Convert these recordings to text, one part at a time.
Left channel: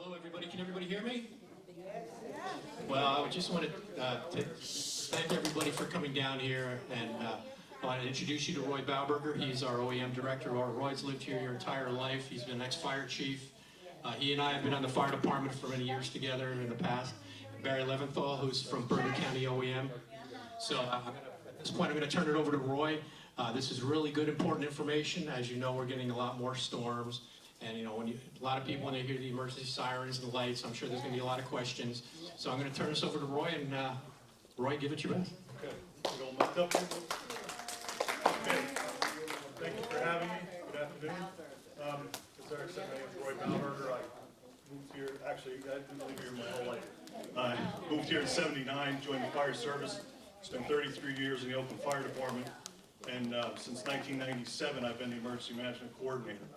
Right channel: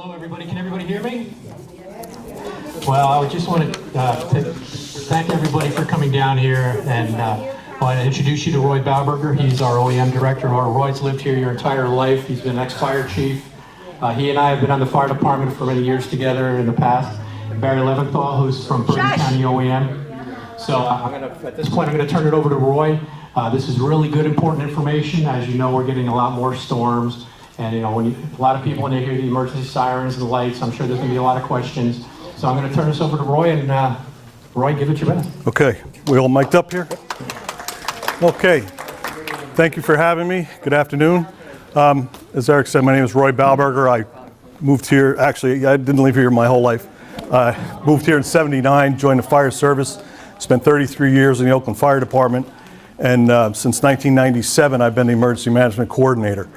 Hello, everybody. Can everybody hear me? Well, I just want to thank everybody for coming down here, and I want to introduce you to Roy Balberger. He's our OEM director. Roy's lived here your entire life. He's been ex-fire chief. He and I have been on the fire department for many years together in the past. And Barry Leventhal, who's from Bergen County OEM. So at this point, I'm going to turn it over to Roy. This is really good, important information. As you know, we're getting a lot more storms. And a lot of people, when they hear the emergency sirens and the lights, I'm sure there's going to be a lot of questions. So I'm going to turn this over to Roy, and Roy, give it your best. Okay, we all mic'd up here? Okay, thank you for having me. Good afternoon. As Eric said, my name is Roy Balberger. I moved here, actually, I didn't live here my whole life. Moved here in '79, joined the fire service, spent 33 years in the Oakland Fire Department, and since 1997, I've been the emergency management coordinator.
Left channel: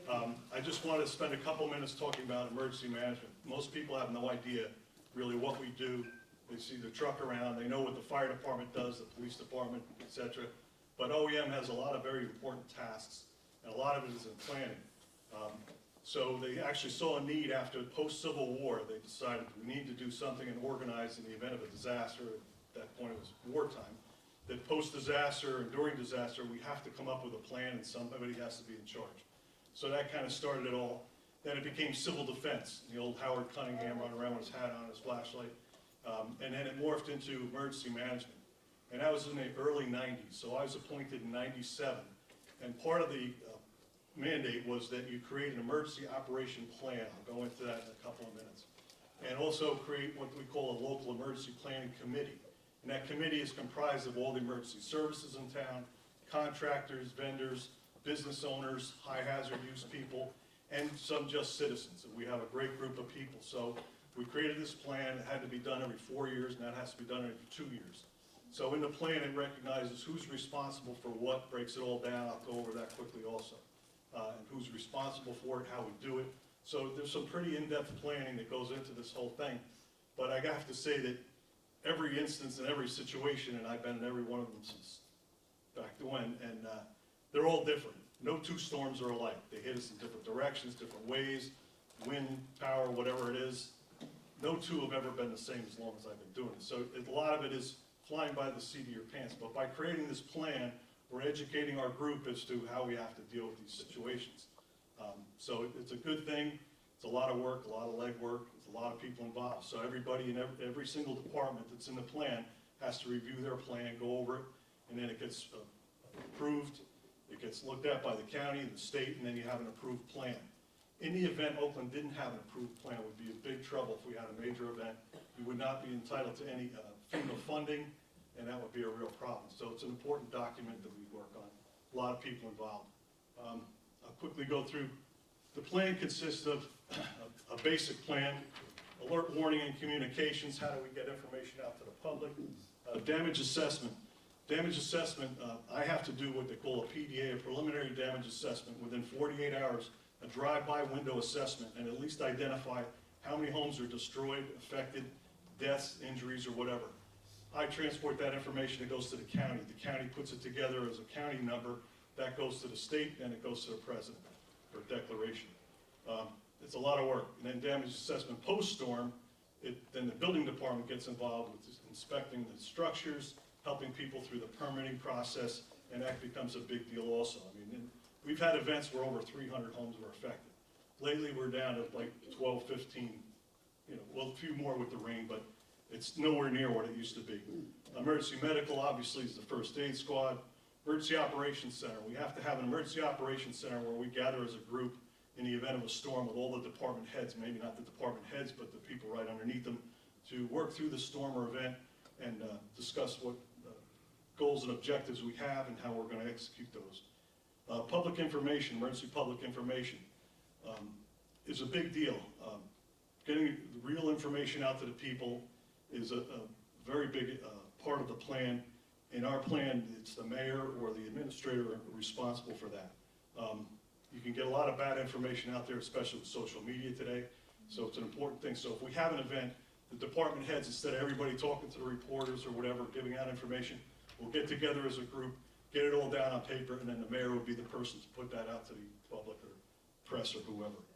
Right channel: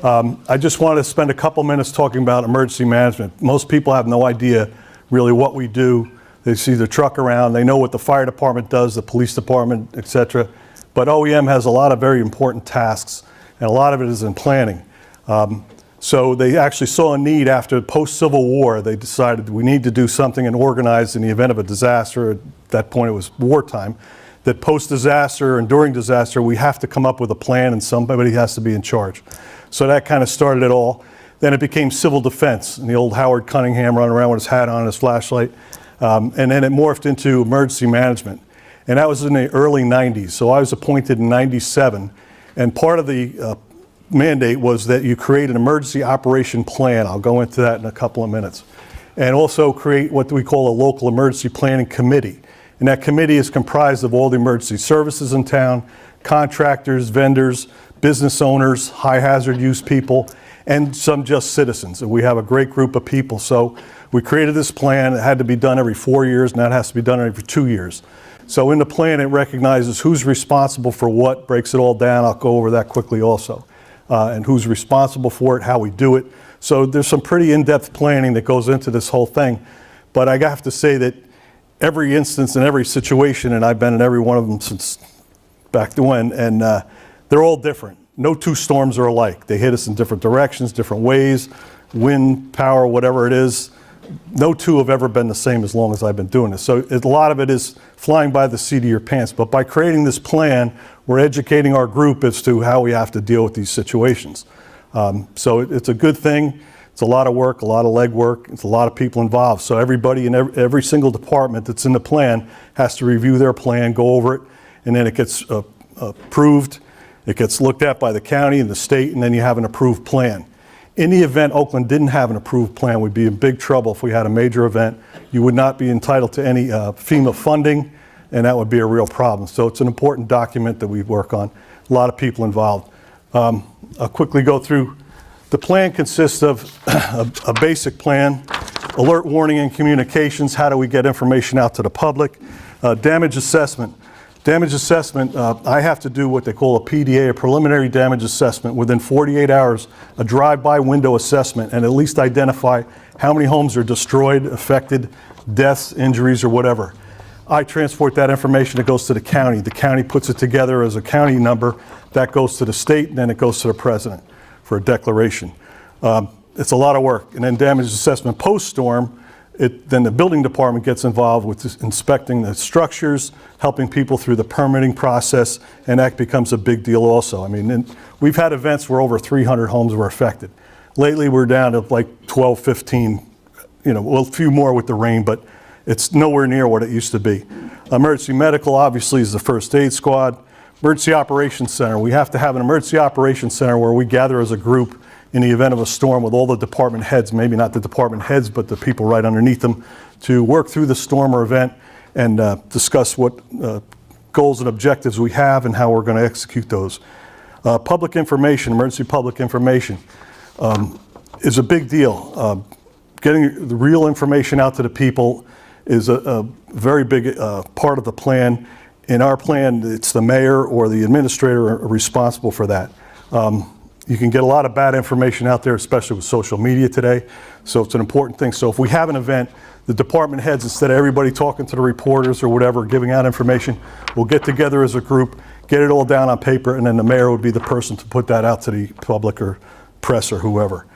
I just want to spend a couple minutes talking about emergency management. Most people have no idea really what we do. They see the truck around, they know what the fire department does, the police department, etc. But OEM has a lot of very important tasks, and a lot of it is in planning. So they actually saw a need after post-Civil War. They decided we need to do something and organize in the event of a disaster. At that point it was wartime. That post-disaster and during disaster we have to come up with a plan, and somebody has to be in charge. So that kind of started it all. Then it became civil defense, and the old Howard Cunningham running around with his hat on and his flashlight. And then it morphed into emergency management. And that was in the early 90s. So I was appointed in 97. And part of the mandate was that you create an emergency operation plan. I'll go into that in a couple of minutes. And also create what we call a local emergency planning committee. And that committee is comprised of all the emergency services in town, contractors, vendors, business owners, high hazard use people, and some just citizens. And we have a great group of people. So we created this plan. It had to be done every 4 years, and that has to be done every 2 years. So in the plan, it recognizes who's responsible for what, breaks it all down. I'll go over that quickly also. And who's responsible for it, how we do it. So there's some pretty in-depth planning that goes into this whole thing. But I have to say that every instance and every situation, and I've been in every one of them since back to when, and they're all different. No two storms are alike. They hit us in different directions, different ways, wind, power, whatever it is. No two have ever been the same as long as I've been doing this. So a lot of it is flying by the seat of your pants. But by creating this plan, we're educating our group as to how we have to deal with these situations. So it's a good thing. It's a lot of work, a lot of legwork. It's a lot of people involved. So everybody in every single department that's in the plan has to review their plan, go over it, and then it gets approved. It gets looked at by the county and the state, and then you have an approved plan. In the event Oakland didn't have an approved plan, we'd be in big trouble if we had a major event. You would not be entitled to any FEMA funding, and that would be a real problem. So it's an important document that we work on. A lot of people involved. I'll quickly go through. The plan consists of a basic plan, alert, warning, and communications. How do we get information out to the public? Damage assessment. Damage assessment, I have to do what they call a PDA, a preliminary damage assessment, within 48 hours, a drive-by window assessment, and at least identify how many homes are destroyed, affected, deaths, injuries, or whatever. I transport that information, it goes to the county. The county puts it together as a county number. That goes to the state, and then it goes to the president for a declaration. It's a lot of work. And then damage assessment post-storm, then the building department gets involved with inspecting the structures, helping people through the permitting process, and that becomes a big deal also. I mean, we've had events where over 300 homes were affected. Lately, we're down to like 12, 15, well, a few more with the rain, but it's nowhere near what it used to be. Emergency medical, obviously, is the first aid squad. Emergency operations center, we have to have an emergency operations center where we gather as a group in the event of a storm with all the department heads, maybe not the department heads, but the people right underneath them, to work through the storm or event and discuss what goals and objectives we have and how we're going to execute those. Public information, emergency public information, is a big deal. Getting the real information out to the people is a very big part of the plan. In our plan, it's the mayor or the administrator are responsible for that. You can get a lot of bad information out there, especially with social media today. So it's an important thing. So if we have an event, the department heads, instead of everybody talking to the reporters or whatever, giving out information, we'll get together as a group, get it all down on paper, and then the mayor would be the person to put that out to the public or press or whoever.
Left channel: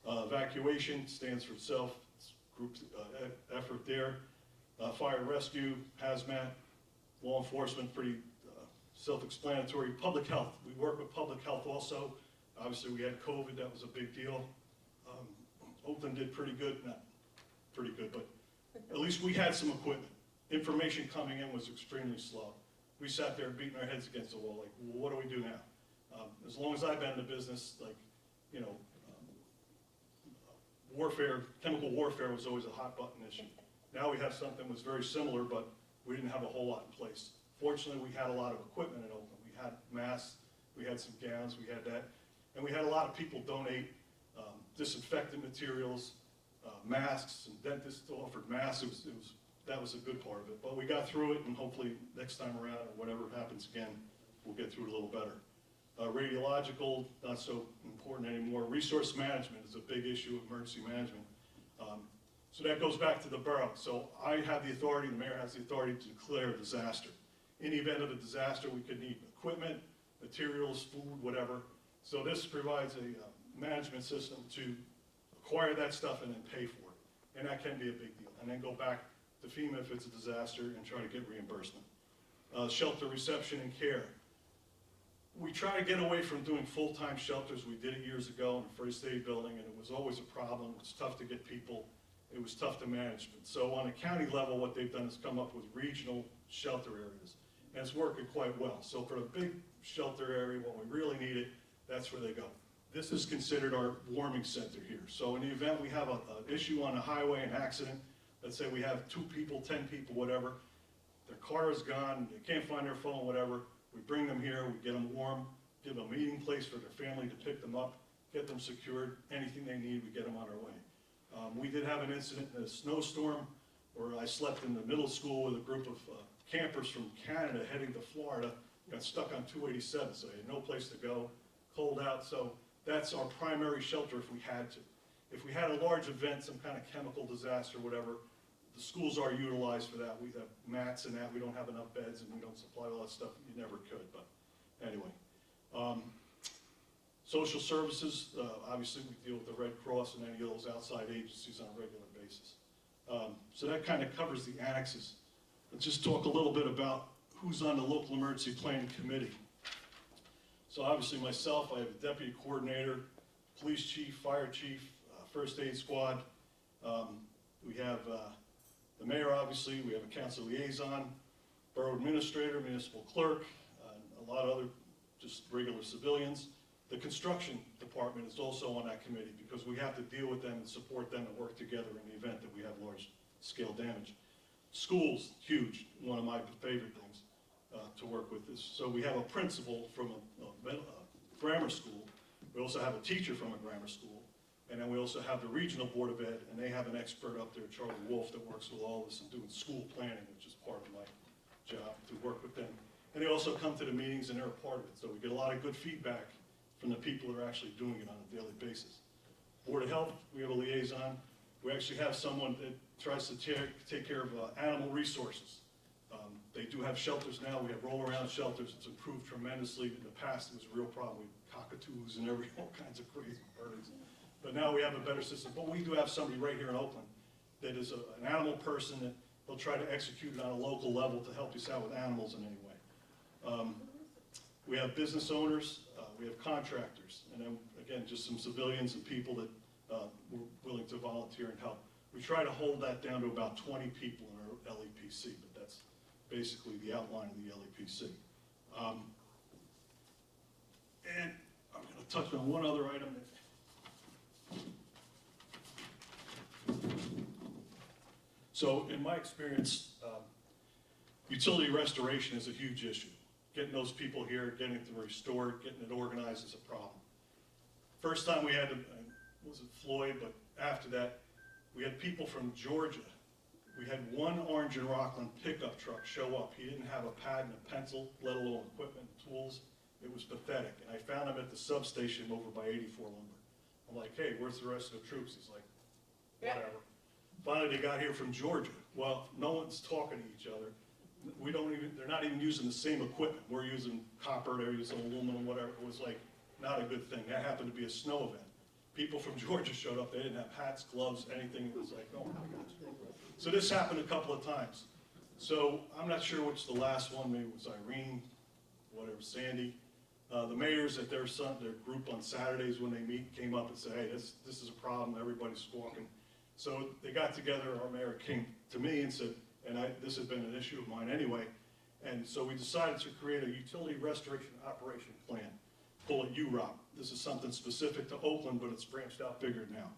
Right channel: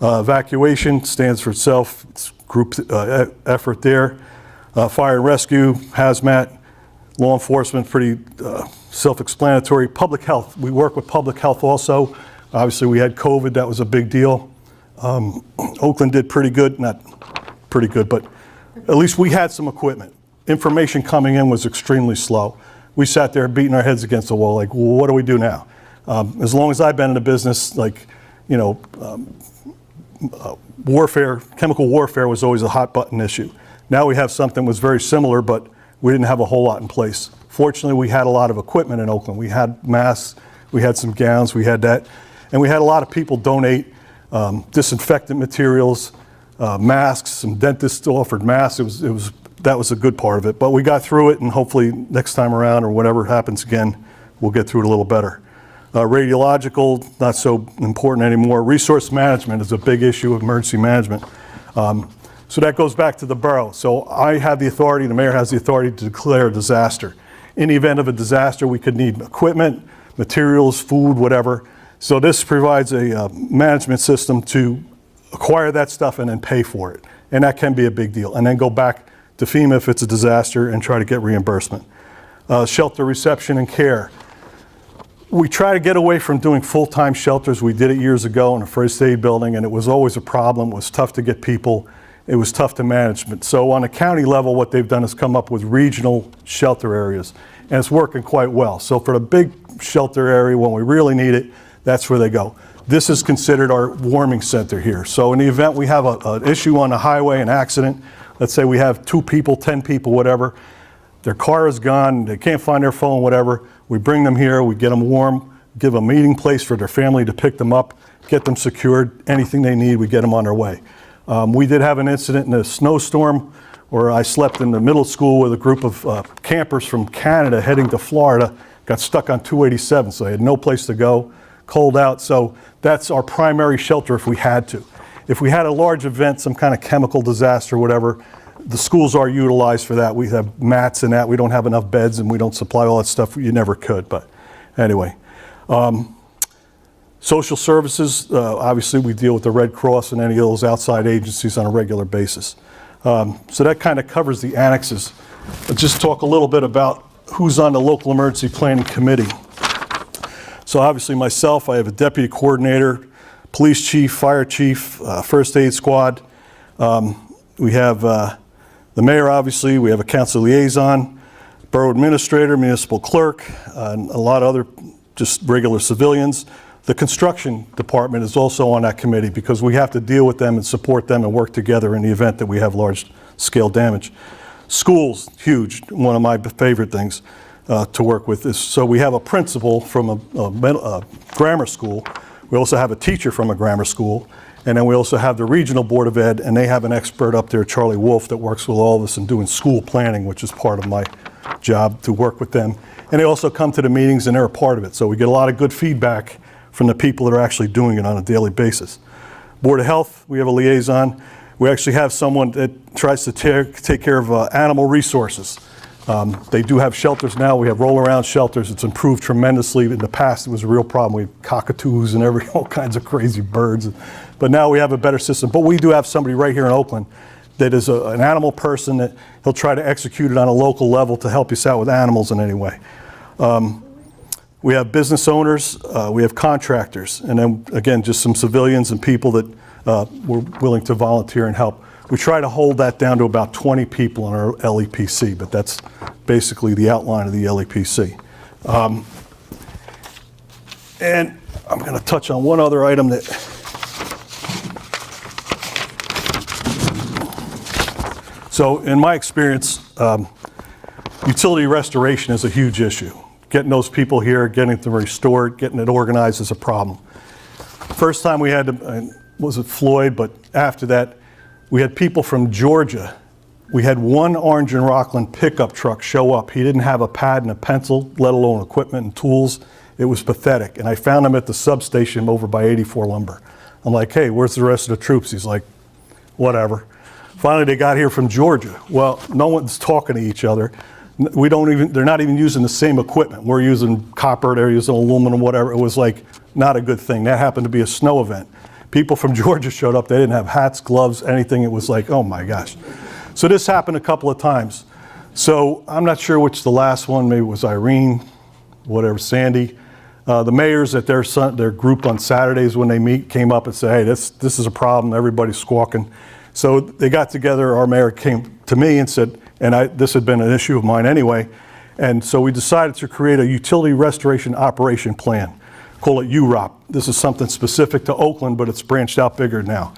Evacuation stands for itself. It's group effort there. Fire and rescue, hazmat, law enforcement, pretty self-explanatory. Public health, we work with public health also. Obviously we had COVID, that was a big deal. Oakland did pretty good, not pretty good, but at least we had some equipment. Information coming in was extremely slow. We sat there beating our heads against the wall, like, well, what do we do now? As long as I've been in the business, like, you know, warfare, chemical warfare was always a hot button issue. Now we have something that was very similar, but we didn't have a whole lot in place. Fortunately, we had a lot of equipment in Oakland. We had masks, we had some gowns, we had that, and we had a lot of people donate disinfectant materials, masks. Some dentists offered masks. That was a good part of it. But we got through it, and hopefully next time around or whatever happens again, we'll get through it a little better. Radiological, not so important anymore. Resource management is a big issue of emergency management. So that goes back to the borough. So I have the authority, the mayor has the authority to declare a disaster. In the event of a disaster, we could need equipment, materials, food, whatever. So this provides a management system to acquire that stuff and then pay for it. And that can be a big deal. And then go back to FEMA if it's a disaster and try to get reimbursement. Shelter reception and care. We try to get away from doing full-time shelters. We did it years ago in a first aid building, and it was always a problem. It was tough to get people. It was tough to manage. So on a county level, what they've done is come up with regional shelter areas, and it's working quite well. So for the big shelter area, when we really need it, that's where they go. This is considered our warming center here. So in the event we have an issue on the highway, an accident, let's say we have 2 people, 10 people, whatever, their car is gone, they can't find their phone, whatever, we bring them here, we get them warm, give a meeting place for their family to pick them up, get them secured, anything they need, we get them on their way. We did have an incident in a snowstorm where I slept in the middle school with a group of campers from Canada heading to Florida, got stuck on 287, so they had no place to go, cold out, so that's our primary shelter if we had to. If we had a large event, some kind of chemical disaster, whatever, the schools are utilized for that. We have mats and that. We don't have enough beds and we don't supply all that stuff. You never could, but anyway. Social services, obviously we deal with the Red Cross and any of those outside agencies on a regular basis. So that kind of covers the annexes. I'll just talk a little bit about who's on the local emergency planning committee. So obviously myself, I have a deputy coordinator, police chief, fire chief, first aid squad. We have the mayor, obviously. We have a council liaison, borough administrator, municipal clerk, and a lot of other just regular civilians. The construction department is also on that committee because we have to deal with them and support them and work together in the event that we have large scale damage. Schools, huge, one of my favorite things to work with is, so we have a principal from a grammar school. We also have a teacher from a grammar school. And then we also have the regional board of ed, and they have an expert up there, Charlie Wolf, that works with all of us in doing school planning, which is part of my job to work with them. And they also come to the meetings and they're a part of it. So we get a lot of good feedback from the people that are actually doing it on a daily basis. Board of Health, we have a liaison. We actually have someone that tries to take care of animal resources. They do have shelters now. We have roll-around shelters. It's improved tremendously. In the past, it was a real problem. We have cockatoos and all kinds of crazy birds. But now we have a better system. But we do have somebody right here in Oakland that is an animal person that he'll try to execute it on a local level to help us out with animals in any way. We have business owners, we have contractors, and then again, just some civilians and people that were willing to volunteer and help. We try to hold that down to about 20 people in our LEPC, but that's basically the outline of the LEPC. And I'm going to touch on one other item that so in my experience, utility restoration is a huge issue. Getting those people here, getting them restored, getting it organized is a problem. First time we had to, wasn't Floyd, but after that, we had people from Georgia. We had one Orange and Rockland pickup truck show up. He didn't have a pad and a pencil, let alone equipment and tools. It was pathetic. And I found him at the substation over by 84 Lumber. I'm like, hey, where's the rest of the troops? He's like, whatever. Finally, they got here from Georgia. Well, no one's talking to each other. They're not even using the same equipment. We're using copper, they're using aluminum, whatever. It was like not a good thing. That happened to be a snow event. People from Georgia showed up. They didn't have hats, gloves, anything. It was like, oh my gosh. So this happened a couple of times. So I'm not sure which the last one, maybe it was Irene, whatever, Sandy. The mayors at their group on Saturdays when they meet came up and said, hey, this is a problem, everybody's squawking. So they got together, our mayor came to me and said, this had been an issue of mine anyway, and so we decided to create a utility restoration operation plan, call it UROP. This is something specific to Oakland, but it's branched out bigger now.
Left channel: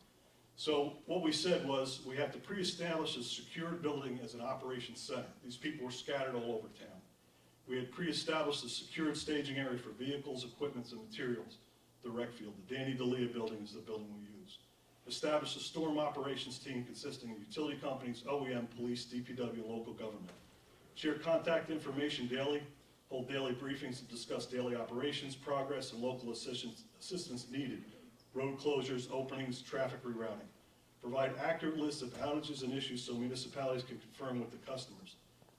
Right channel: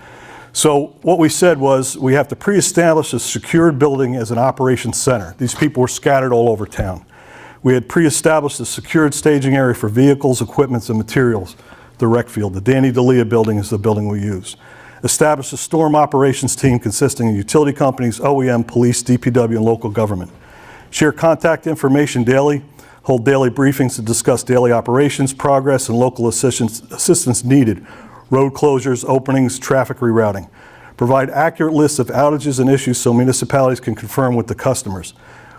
So what we said was we have to pre-establish a secured building as an operations center. These people were scattered all over town. We had pre-established a secured staging area for vehicles, equipments, and materials, the rec field. The Danny D'Elia building is the building we use. Establish a storm operations team consisting of utility companies, OEM, police, DPW, and local government. Share contact information daily, hold daily briefings to discuss daily operations, progress, and local assistance needed, road closures, openings, traffic rerouting. Provide accurate lists of outages and issues so municipalities can confirm with the customers.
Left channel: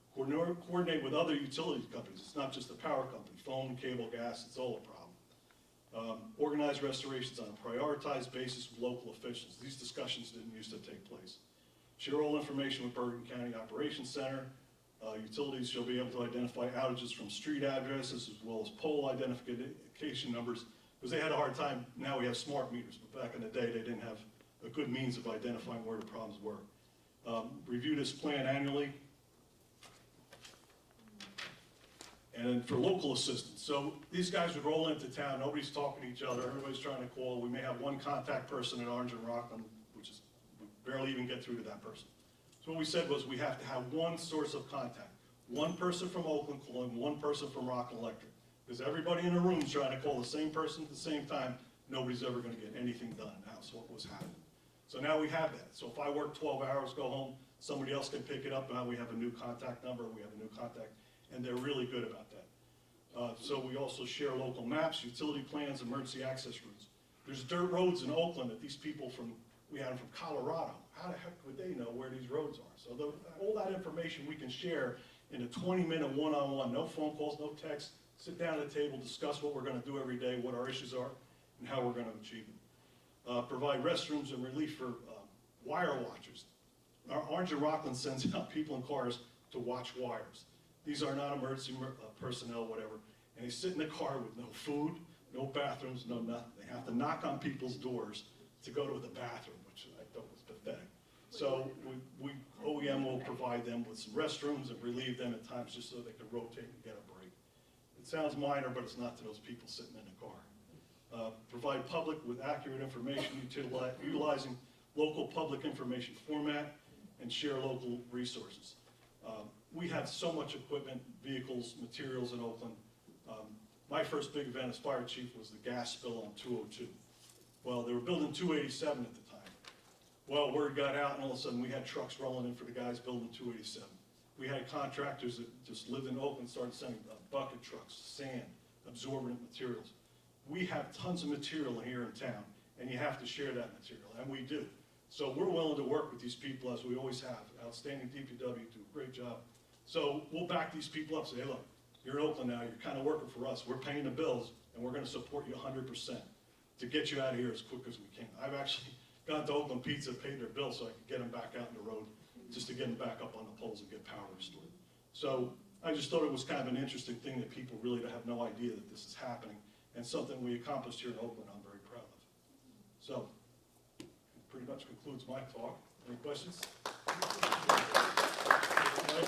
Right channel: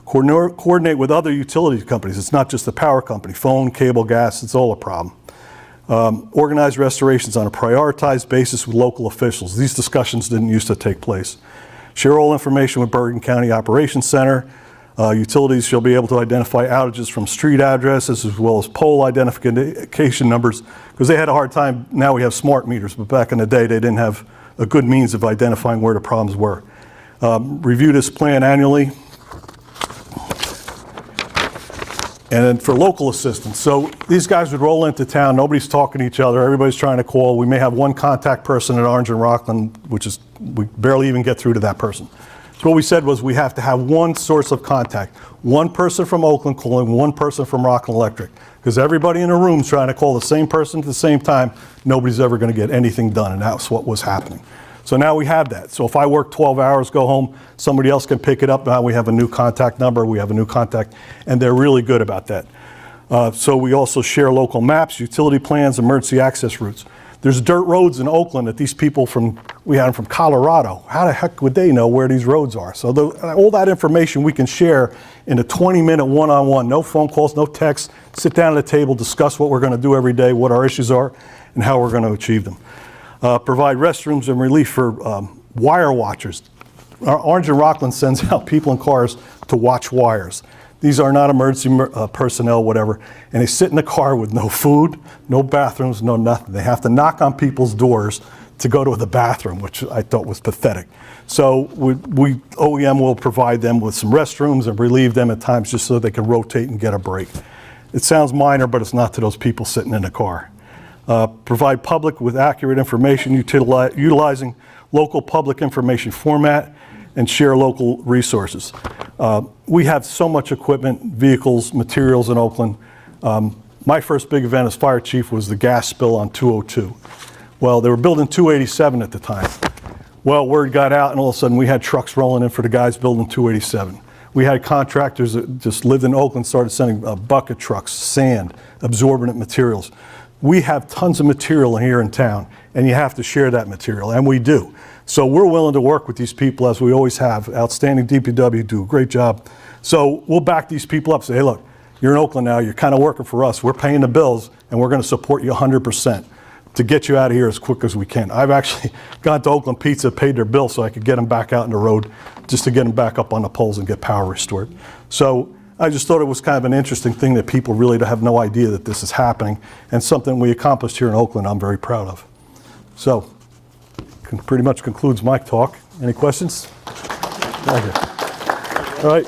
Coordinate with other utility companies. It's not just the power company, phone, cable, gas, it's all a problem. Organize restorations on a prioritized basis with local officials. These discussions didn't used to take place. Share all information with Bergen County Operations Center. Utilities shall be able to identify outages from street addresses as well as pole identification numbers, because they had a hard time. Now we have smart meters, but back in the day they didn't have a good means of identifying where the problems were. Review this plan annually. And then for local assistance, so these guys would roll into town, nobody's talking to each other, everybody's trying to call. We may have one contact person at Orange and Rockland, which is, we barely even get through to that person. So what we said was we have to have one source of contact. One person from Oakland calling one person from Rockland Electric, because everybody in the room's trying to call the same person at the same time. Nobody's ever going to get anything done, and that's what was happening. So now we have that. So if I work 12 hours, go home, somebody else can pick it up. Now we have a new contact number, we have a new contact, and they're really good about that. So we also share local maps, utility plans, emergency access routes. There's dirt roads in Oakland that these people we had them from Colorado. How the heck would they know where these roads are? So all that information we can share in a 20-minute one-on-one, no phone calls, no texts, sit down at a table, discuss what we're going to do every day, what our issues are, and how we're going to achieve them. Provide restrooms and relief for wire watchers. Orange and Rockland sends out people in cars to watch wires. These are not emergency personnel, whatever, and they sit in the car with no food, no bathrooms, no nothing. They have to knock on people's doors to go to the bathroom, which I thought was pathetic. So OEM will provide them with some restrooms and relieve them at times just so they can rotate and get a break. It sounds minor, but it's not to those people sitting in the car. Provide public with accurate information, utilizing local public information format, and share local resources. We have so much equipment, vehicles, materials in Oakland. My first big event as fire chief was the gas spill on 202. Well, they were building 287 at the time. Well, word got out, and all of a sudden we had trucks rolling in for the guys building 287. We had contractors that just lived in Oakland, started sending bucket trucks, sand, absorbent materials. We have tons of material here in town, and you have to share that material, and we do. So we're willing to work with these people, as we always have. Outstanding DPW, do a great job. So we'll back these people up, say, hey, look, you're in Oakland now, you're kind of working for us. We're paying the bills, and we're going to support you 100% to get you out of here as quick as we can. I've actually gone to Oakland Pizza, paid their bill so I could get them back out on the road, just to get them back up on the poles and get power restored. So I just thought it was kind of an interesting thing that people really have no idea that this is happening, and something we accomplished here in Oakland I'm very proud of. So, pretty much concludes my talk. Any questions? Right here. All right.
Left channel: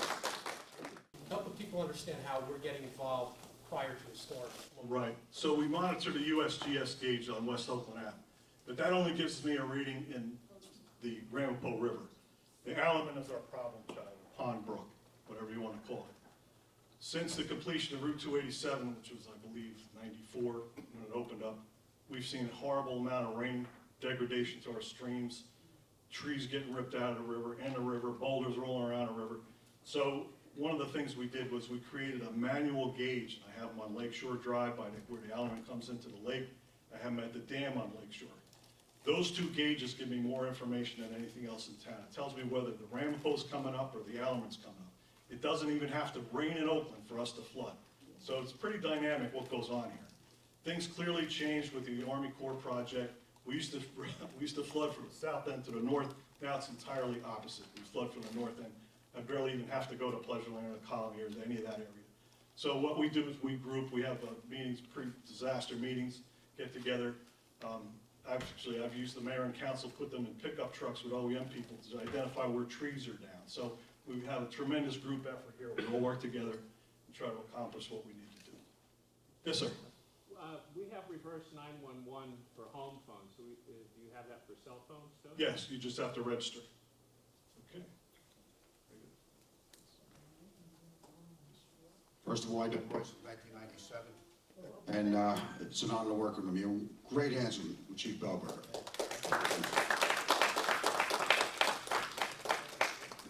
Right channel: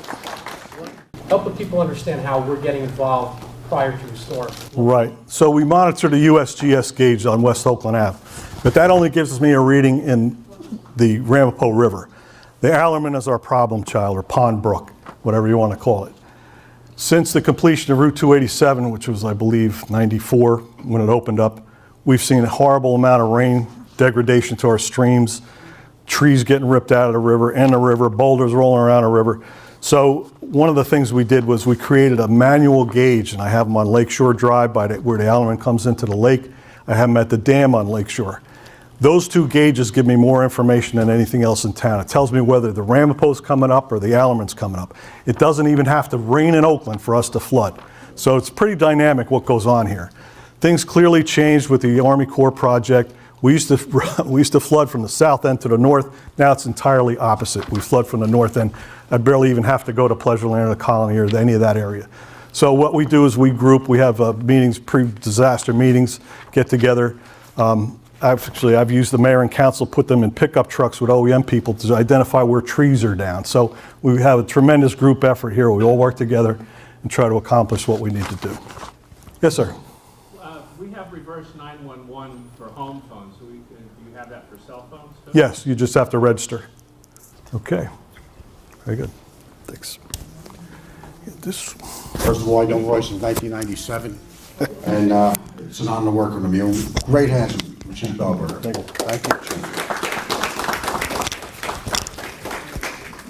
Help the people understand how we're getting involved prior to the storm. Right. So we monitor the USGS gauge on West Oakland Ave, but that only gives me a reading in the Ramapo River. The Allerman is our problem child, or Pond Brook, whatever you want to call it. Since the completion of Route 287, which was, I believe, 94 when it opened up, we've seen a horrible amount of rain, degradation to our streams, trees getting ripped out of the river, boulders rolling around the river. So one of the things we did was we created a manual gauge, and I have them on Lakeshore Drive where the Allerman comes into the lake. I have them at the dam on Lakeshore. Those two gauges give me more information than anything else in town. It tells me whether the Ramapo's coming up or the Allerman's coming up. It doesn't even have to rain in Oakland for us to flood. So it's pretty dynamic what goes on here. Things clearly changed with the Army Corps project. We used to flood from the south end to the north. Now it's entirely opposite. We flood from the north end. I barely even have to go to Pleasureland or the Colony or any of that area. So what we do is we group. We have meetings, pre-disaster meetings, get together. I've used the mayor and council, put them in pickup trucks with OEM people to identify where trees are down. So we have a tremendous group effort here. We all work together and try to accomplish what we need to do. Yes, sir. We have reverse 911 for home phones. Do you have that for cell phones too? Yes, you just have to register. Okay. Very good. Thanks. Get this. First of all, I know Roy since 1997, and it's an honor to work with him. You're in great hands with Chief Balberg. Thank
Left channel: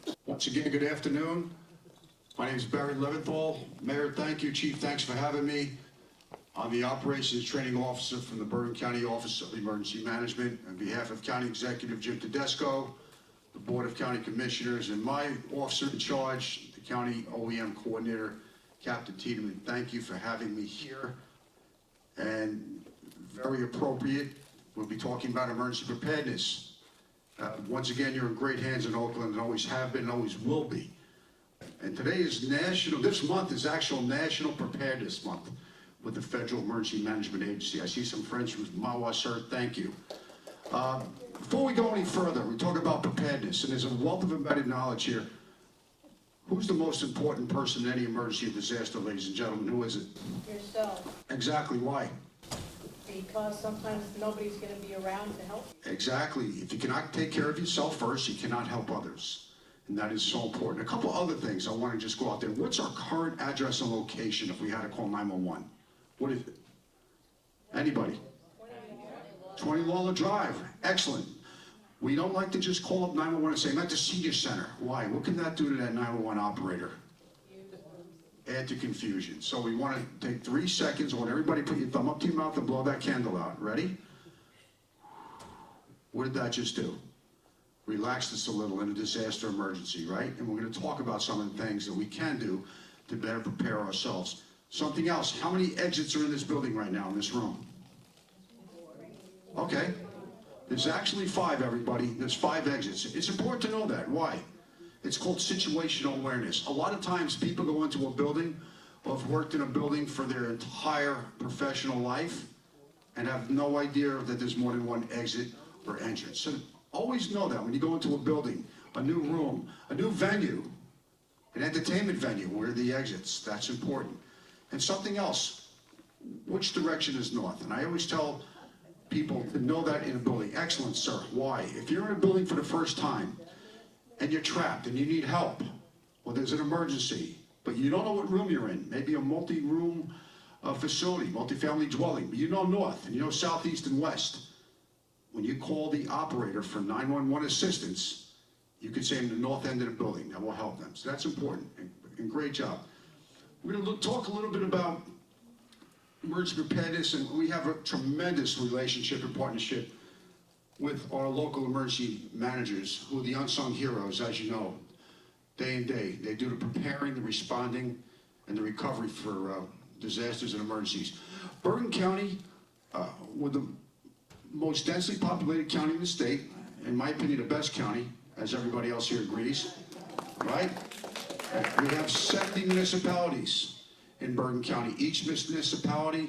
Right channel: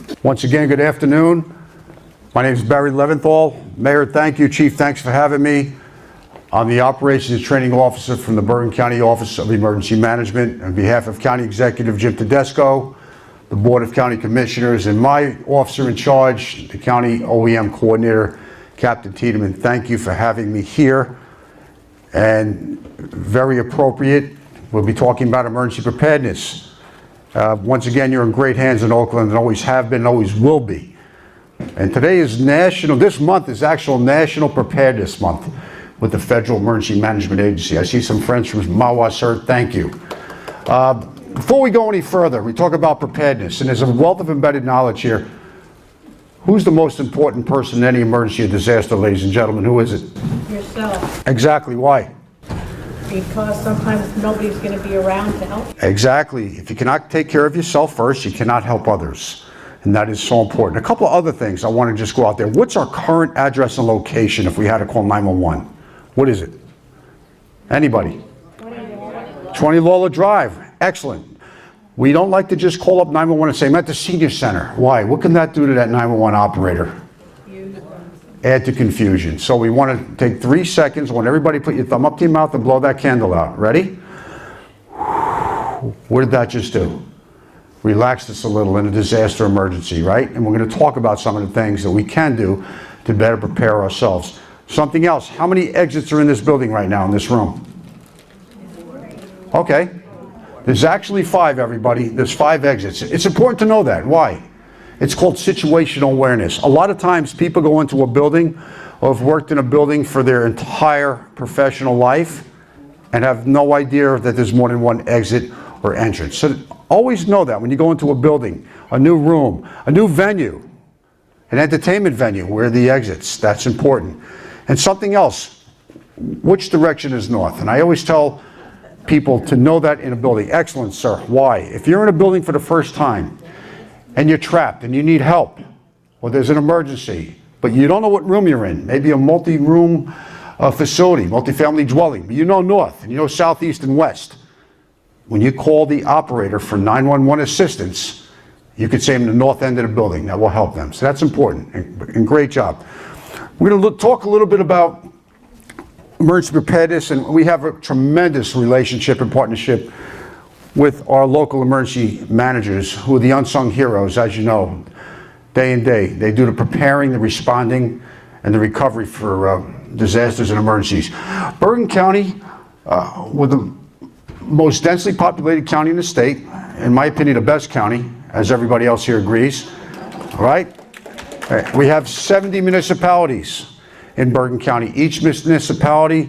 you. Once again, good afternoon. My name is Barry Leventhal. Mayor, thank you. Chief, thanks for having me. I'm the Operations and Training Officer from the Bergen County Office of Emergency Management. On behalf of County Executive Jim Tedesco, the Board of County Commissioners, and my officer in charge, the County OEM Coordinator, Captain Tiedemann, thank you for having me here. And very appropriate, we'll be talking about emergency preparedness. Once again, you're in great hands in Oakland and always have been and always will be. And today is this month is actual National Preparedness Month with the Federal Emergency Management Agency. I see some friends from Mawa, sir, thank you. Before we go any further, we talk about preparedness, and there's a wealth of embedded knowledge here. Who's the most important person in any emergency or disaster, ladies and gentlemen? Who is it? Yourself, Exactly, why? because sometimes nobody's going to be around to help. Exactly. If you cannot take care of yourself first, you cannot help others. And that is so important. A couple of other things I want to just go out there. What's our current address and location if we had to call 911? What is it? Anybody? 20 Lawler Drive. Excellent. We don't like to just call up 911 and say, I'm at the senior center. Why? What can that do to that 911 operator? Add to confusion. So we want to take 3 seconds. I want everybody to put your thumb up to your mouth and blow that candle out. Ready? What did that just do? Relax us a little in a disaster emergency, right? And we're going to talk about some of the things that we can do to better prepare ourselves. Something else. How many exits are in this building right now in this room? Okay. There's actually 5, everybody. There's 5 exits. It's important to know that. Why? It's called situational awareness. A lot of times people go into a building or have worked in a building for their entire professional life and have no idea that there's more than one exit or entrance. So always know that when you go into a building, a new room, a new venue, an entertainment venue, where are the exits? That's important. And something else, which direction is north? And I always tell people to know that in a building. Excellent, sir. Why? If you're in a building for the first time and you're trapped and you need help, or there's an emergency, but you don't know what room you're in, maybe a multi-room facility, multi-family dwelling, but you know north, and you know south, east, and west. When you call the operator for 911 assistance, you could say in the north end of the building. That will help them. So that's important, and great job. We're going to talk a little bit about emergency preparedness, and we have a tremendous relationship and partnership with our local emergency managers, who are the unsung heroes, as you know, day and day. They do the preparing, the responding, and the recovery for disasters and emergencies. Bergen County, with the most densely populated county in the state, in my opinion, the best county, as everybody else here agrees, all right? All right. We have 70 municipalities in Bergen County. Each municipality,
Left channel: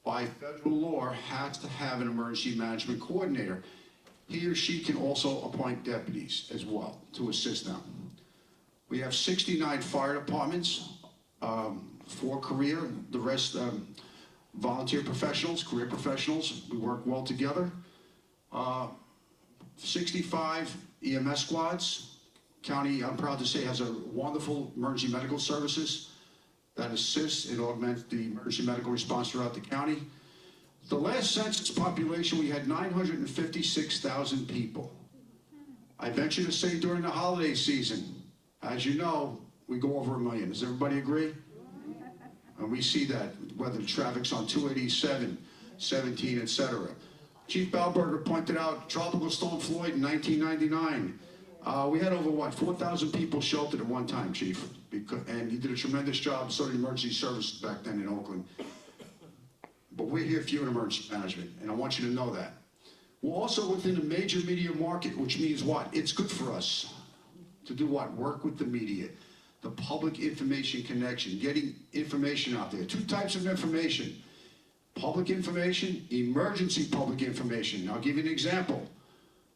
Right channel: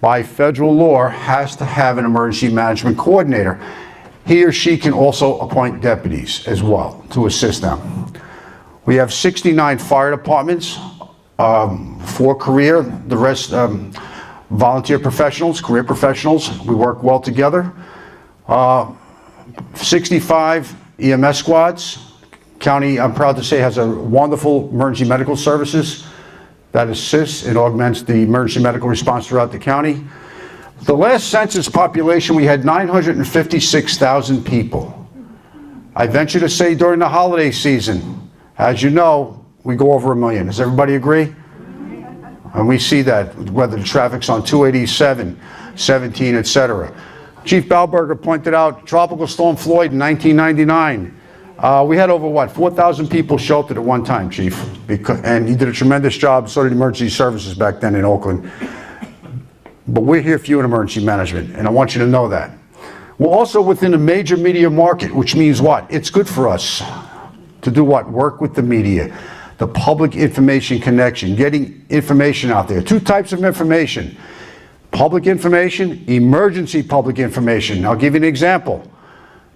by federal law, has to have an emergency management coordinator. He or she can also appoint deputies as well to assist them. We have 69 fire departments, 4 career, the rest volunteer professionals, career professionals. We work well together. 65 EMS squads. County, I'm proud to say, has a wonderful emergency medical services that assists and augments the emergency medical response throughout the county. The last census population, we had 956,000 people. I venture to say during the holiday season, as you know, we go over 1 million. Does everybody agree? And we see that, whether the traffic's on 287, 17, etc. Chief Balberg pointed out Tropical Storm Floyd in 1999. We had over, 4,000 people sheltered at one time, Chief. And he did a tremendous job, so did emergency services back then in Oakland. But we're here for you in emergency management, and I want you to know that. We're also within a major media market, which means what? It's good for us to do what? Work with the media, the public information connection, getting information out there. Two types of information: public information, emergency public information. I'll give you an example.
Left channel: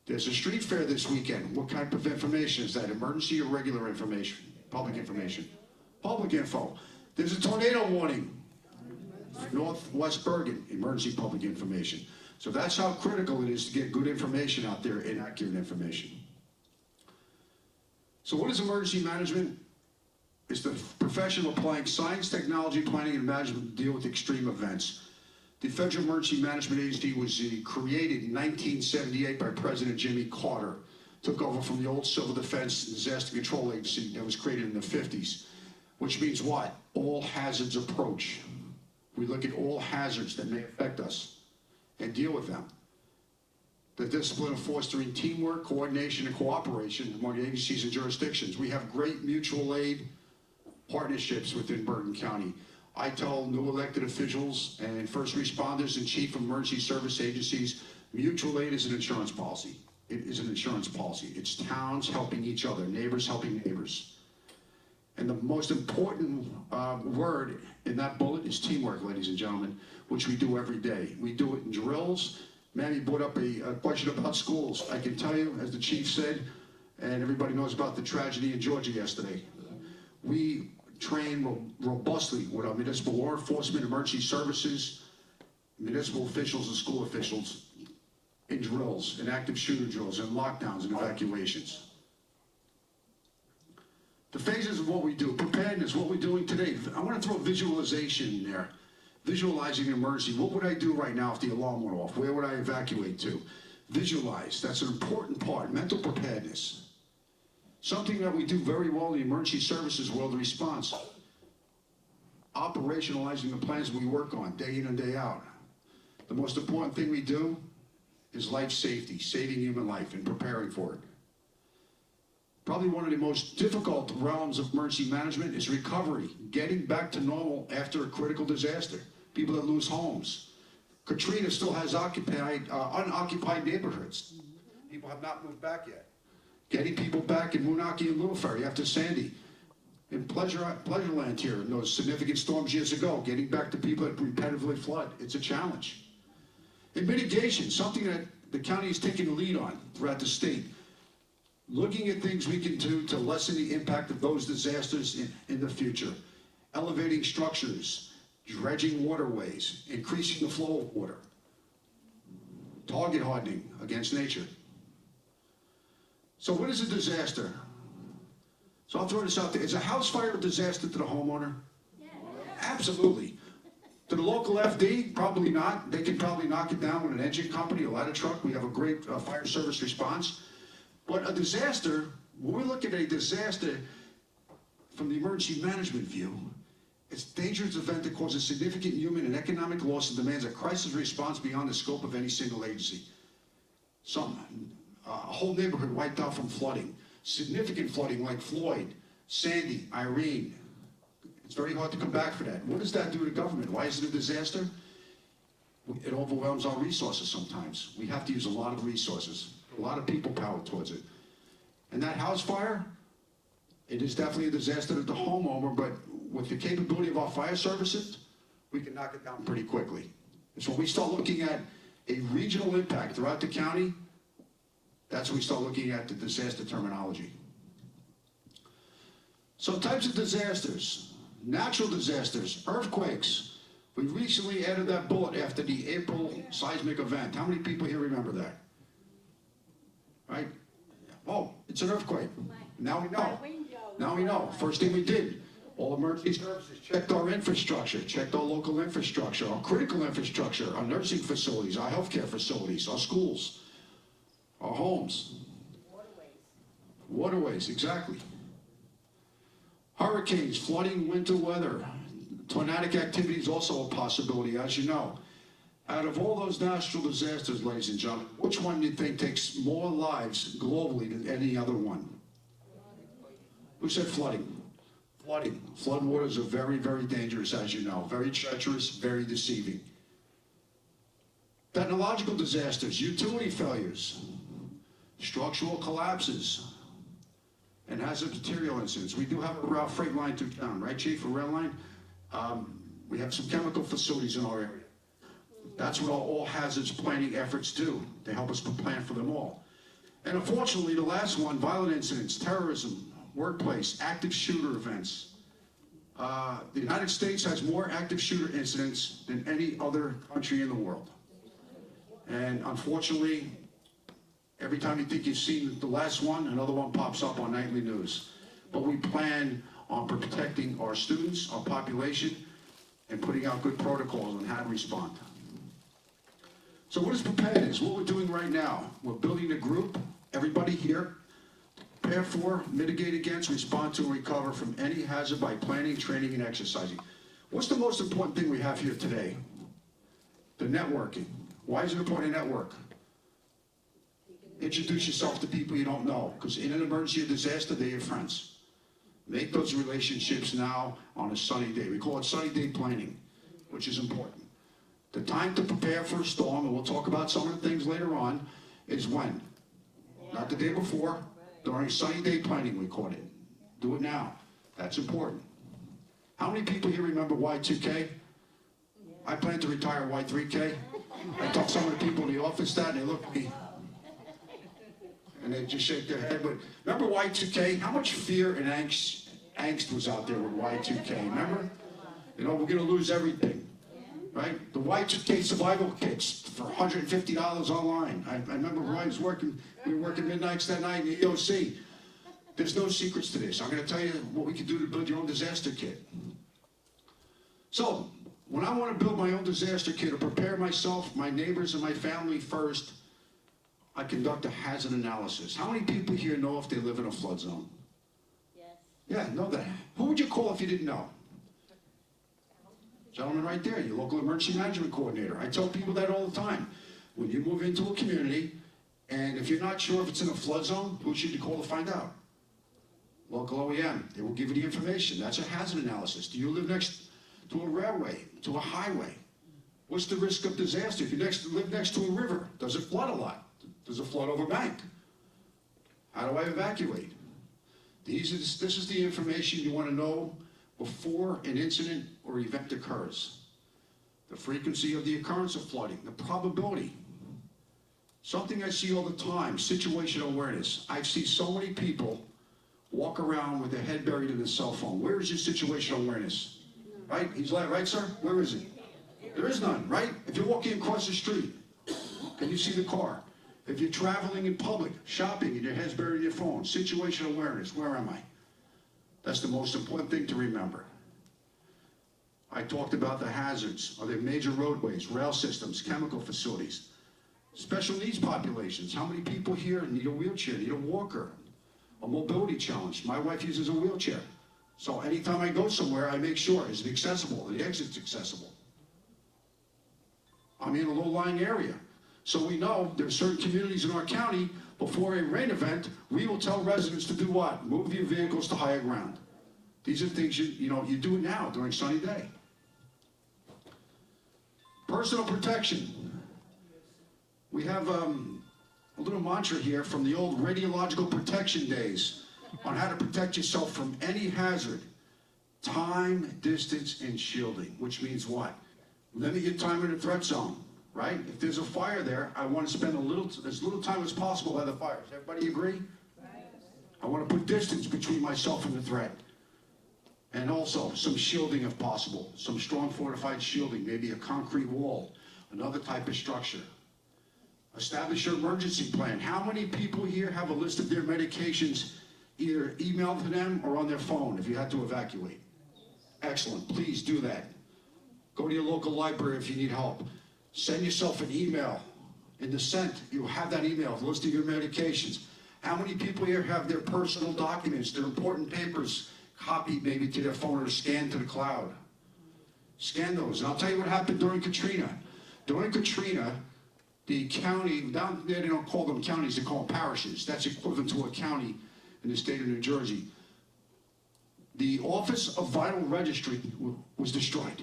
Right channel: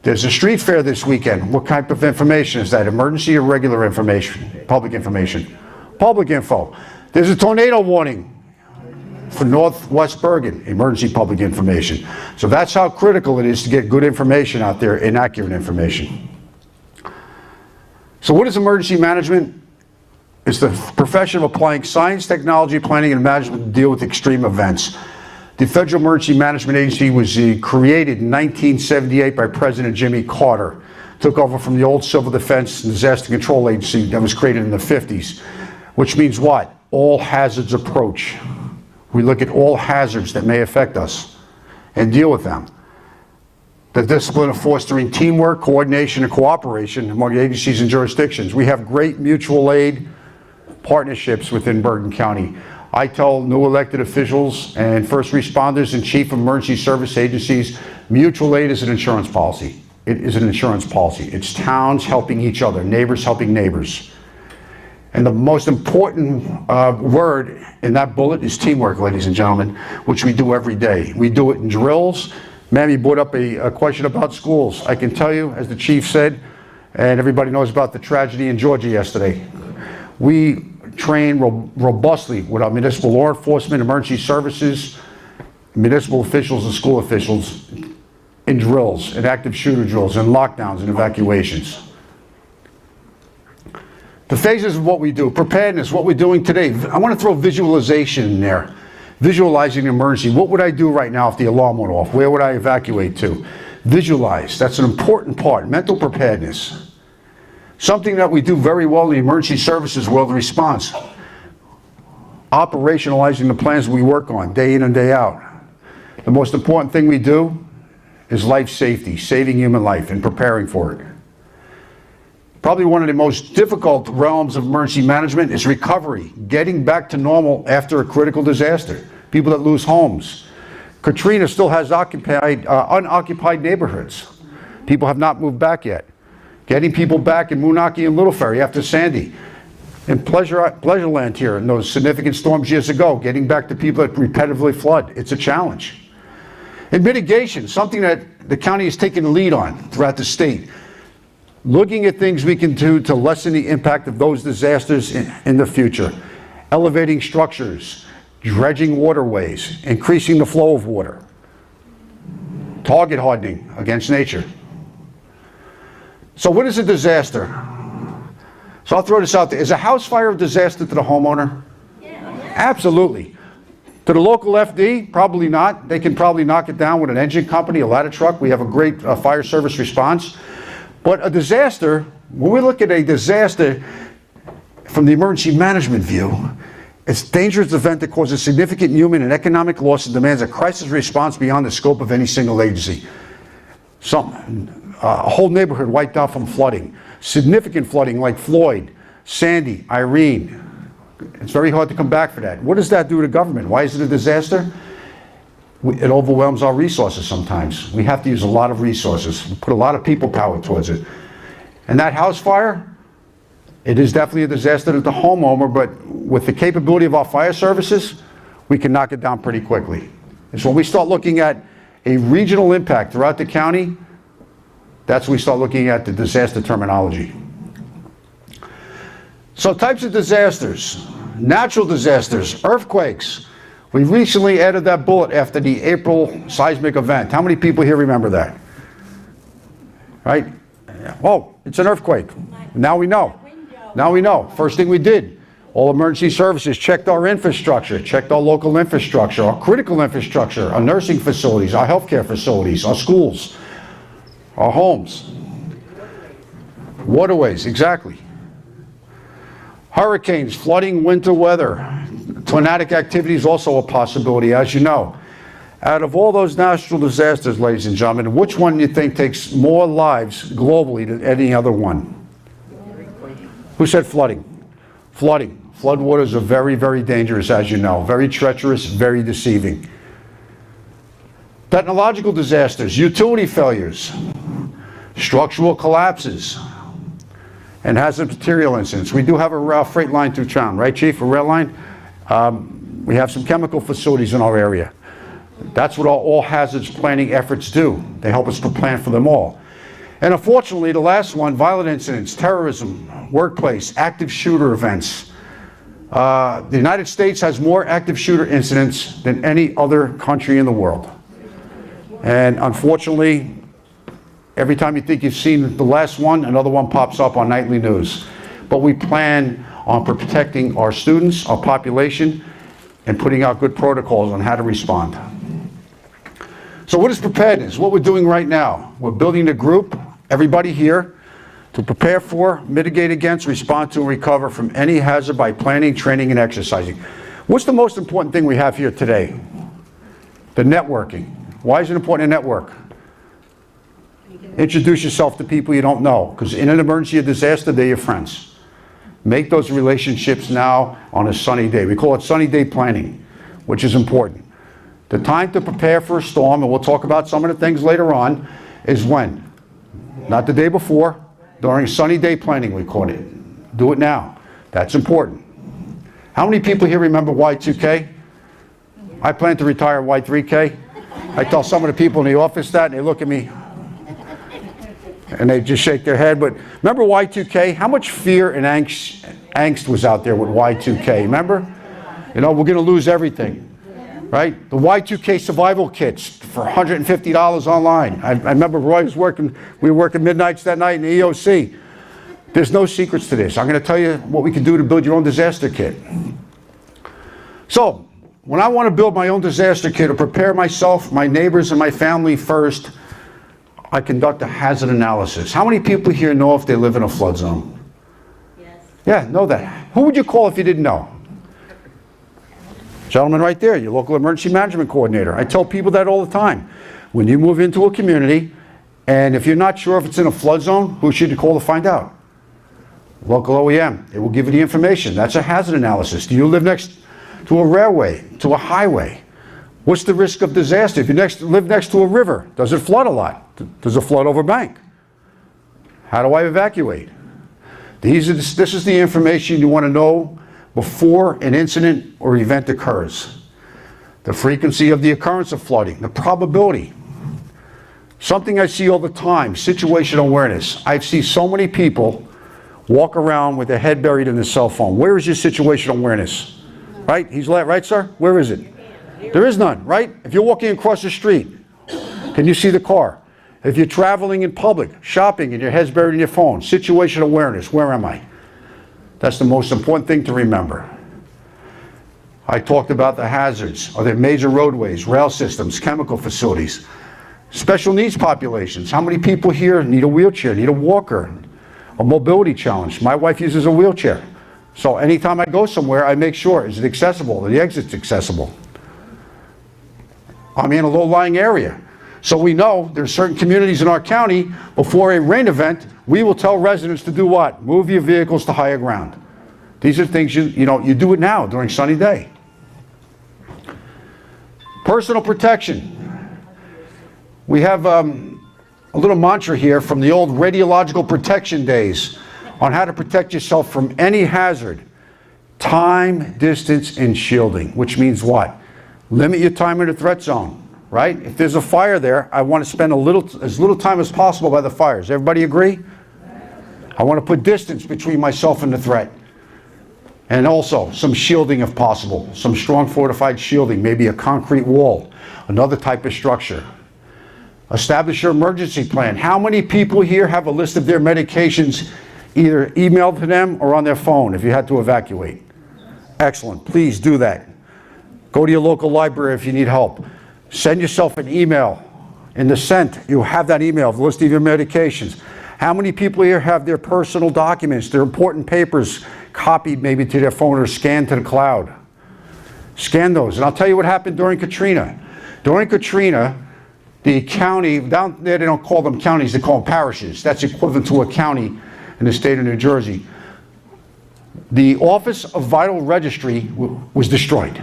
There's a street fair this weekend. What type of information is that? Emergency or regular information? Public information. Public info. There's a tornado warning for Northwest Bergen. Emergency public information. So that's how critical it is to get good information out there and accurate information. So what is emergency management? It's the profession of applying science, technology, planning, and management to deal with extreme events. The Federal Emergency Management Agency was created in 1978 by President Jimmy Carter. Took over from the old Civil Defense and Disaster Control Agency that was created in the 50s. Which means what? All hazards approach. We look at all hazards that may affect us and deal with them. The discipline of fostering teamwork, coordination, and cooperation among agencies and jurisdictions. We have great mutual aid partnerships within Bergen County. I tell new elected officials and first responders and chief of emergency service agencies, mutual aid is an insurance policy. It is an insurance policy. It's towns helping each other, neighbors helping neighbors. And the most important word in that bullet is teamwork, ladies and gentlemen, which we do every day. We do it in drills. Mammy brought up a question about schools. I can tell you, as the chief said, and everybody knows about the tragedy in Georgia yesterday, we train robustly with our municipal law enforcement, emergency services, municipal officials and school officials in drills, in active shooter drills, in lockdowns and evacuations. The phases of what we do, preparedness, what we're doing today. I want to throw visualization in there. Visualizing an emergency. What would I do right now if the alarm went off? Where would I evacuate to? Visualize. That's an important part. Mental preparedness. Something that we do very well in the emergency services world, the response. Operationalizing the plans we work on day in and day out. The most important thing we do is life safety, saving human life and preparing for it. Probably one of the most difficult realms of emergency management is recovery, getting back to normal after a critical disaster. People that lose homes. Katrina still has unoccupied neighborhoods. People have not moved back yet. Getting people back in Moonachie and Little Ferry after Sandy. In Pleasureland here, in those significant storms years ago, getting back to people that repetitively flood. It's a challenge. And mitigation, something that the county has taken the lead on throughout the state. Looking at things we can do to lessen the impact of those disasters in the future. Elevating structures, dredging waterways, increasing the flow of water. Target hardening against nature. So what is a disaster? So I'll throw this out there. Is a house fire a disaster to the homeowner? Absolutely. To the local FD, probably not. They can probably knock it down with an engine company, a ladder truck. We have a great fire service response. But a disaster, when we look at a disaster from the emergency management view, it's a dangerous event that causes significant human and economic loss and demands a crisis response beyond the scope of any single agency. A whole neighborhood wiped out from flooding. Significant flooding like Floyd, Sandy, Irene. It's very hard to come back for that. What does that do to government? Why is it a disaster? It overwhelms our resources sometimes. We have to use a lot of resources, put a lot of people power towards it. And that house fire, it is definitely a disaster to the homeowner, but with the capability of our fire services, we can knock it down pretty quickly. And so when we start looking at a regional impact throughout the county, that's when we start looking at the disaster terminology. So types of disasters, natural disasters, earthquakes. We recently added that bullet after the April seismic event. How many people here remember that? Right? Oh, it's an earthquake. Now we know. Now we know. First thing we did, all emergency services checked our infrastructure, checked our local infrastructure, our critical infrastructure, our nursing facilities, our healthcare facilities, our schools, our homes. Waterways, exactly. Hurricanes, flooding, winter weather. Tornadic activity is also a possibility, as you know. Out of all those natural disasters, ladies and gentlemen, which one do you think takes more lives globally than any other one? Who said flooding? Flooding. Floodwaters are very, very dangerous, as you know. Very treacherous, very deceiving. Technological disasters, utility failures, structural collapses, and hazardous material incidents. We do have a freight line through town, right, Chief? A rail line? We have some chemical facilities in our area. That's what all hazards planning efforts do. They help us to plan for them all. And unfortunately, the last one, violent incidents, terrorism, workplace, active shooter events. The United States has more active shooter incidents than any other country in the world. And unfortunately, every time you think you've seen the last one, another one pops up on nightly news. But we plan on protecting our students, our population, and putting out good protocols on how to respond. So what is preparedness? What we're doing right now, we're building a group, everybody here, to prepare for, mitigate against, respond to, and recover from any hazard by planning, training, and exercising. What's the most important thing we have here today? The networking. Why is it important to network? Introduce yourself to people you don't know, because in an emergency or disaster, they're your friends. Make those relationships now on a sunny day. We call it sunny day planning, which is important. The time to prepare for a storm, and we'll talk about some of the things later on, is when? Not the day before, during sunny day planning, we call it. Do it now. That's important. How many people here remember Y2K? I plan to retire Y3K. I tell some of the people in the office that, and they look at me, and they just shake their head. But remember Y2K? How much fear and angst was out there with Y2K? Remember? You know, we're going to lose everything, right? The Y2K survival kits for $150 online. I remember Roy was working, we were working midnights that night in the EOC. There's no secrets to this. I'm going to tell you what we can do to build your own disaster kit. So, when I want to build my own disaster kit or prepare myself, my neighbors, and my family first, I conduct a hazard analysis. How many people here know if they live in a flood zone? Yes. Yeah, know that. Who would you call if you didn't know? Gentleman right there, your local emergency management coordinator. I tell people that all the time. When you move into a community, and if you're not sure if it's in a flood zone, who should you call to find out? Local OEM. It will give you the information. That's a hazard analysis. Do you live next to a railway, to a highway? What's the risk of disaster? If you live next to a river, does it flood a lot? Does it flood over bank? How do I evacuate? This is the information you want to know before an incident or event occurs. The frequency of the occurrence of flooding, the probability. Something I see all the time, situational awareness. I see so many people walk around with their head buried in their cell phone. Where is your situational awareness? Right? He's right, sir? Where is it? There is none, right? If you're walking across the street, can you see the car? If you're traveling in public, shopping, and your head's buried in your phone, situational awareness, where am I? That's the most important thing to remember. I talked about the hazards. Are there major roadways, rail systems, chemical facilities? Special needs populations. How many people here need a wheelchair, need a walker, a mobility challenge? My wife uses a wheelchair. So anytime I go somewhere, I make sure, is it accessible? Are the exits accessible? I'm in a low-lying area. So we know there's certain communities in our county, before a rain event, we will tell residents to do what? Move your vehicles to higher ground. These are things you do it now during sunny day. Personal protection. We have a little mantra here from the old radiological protection days on how to protect yourself from any hazard. Time, distance, and shielding, which means what? Limit your time in the threat zone, right? If there's a fire there, I want to spend as little time as possible by the fires. Everybody agree? I want to put distance between myself and the threat. And also some shielding if possible, some strong fortified shielding, maybe a concrete wall, another type of structure. Establish your emergency plan. How many people here have a list of their medications either emailed to them or on their phone if you had to evacuate? Excellent, please do that. Go to your local library if you need help. Send yourself an email. In the sent, you'll have that email, the list of your medications. How many people here have their personal documents, their important papers, copied maybe to their phone or scanned to the cloud? Scan those. And I'll tell you what happened during Katrina. During Katrina, the county, down there they don't call them counties, they call them parishes. That's equivalent to a county in the state of New Jersey. The Office of Vital Registry was destroyed.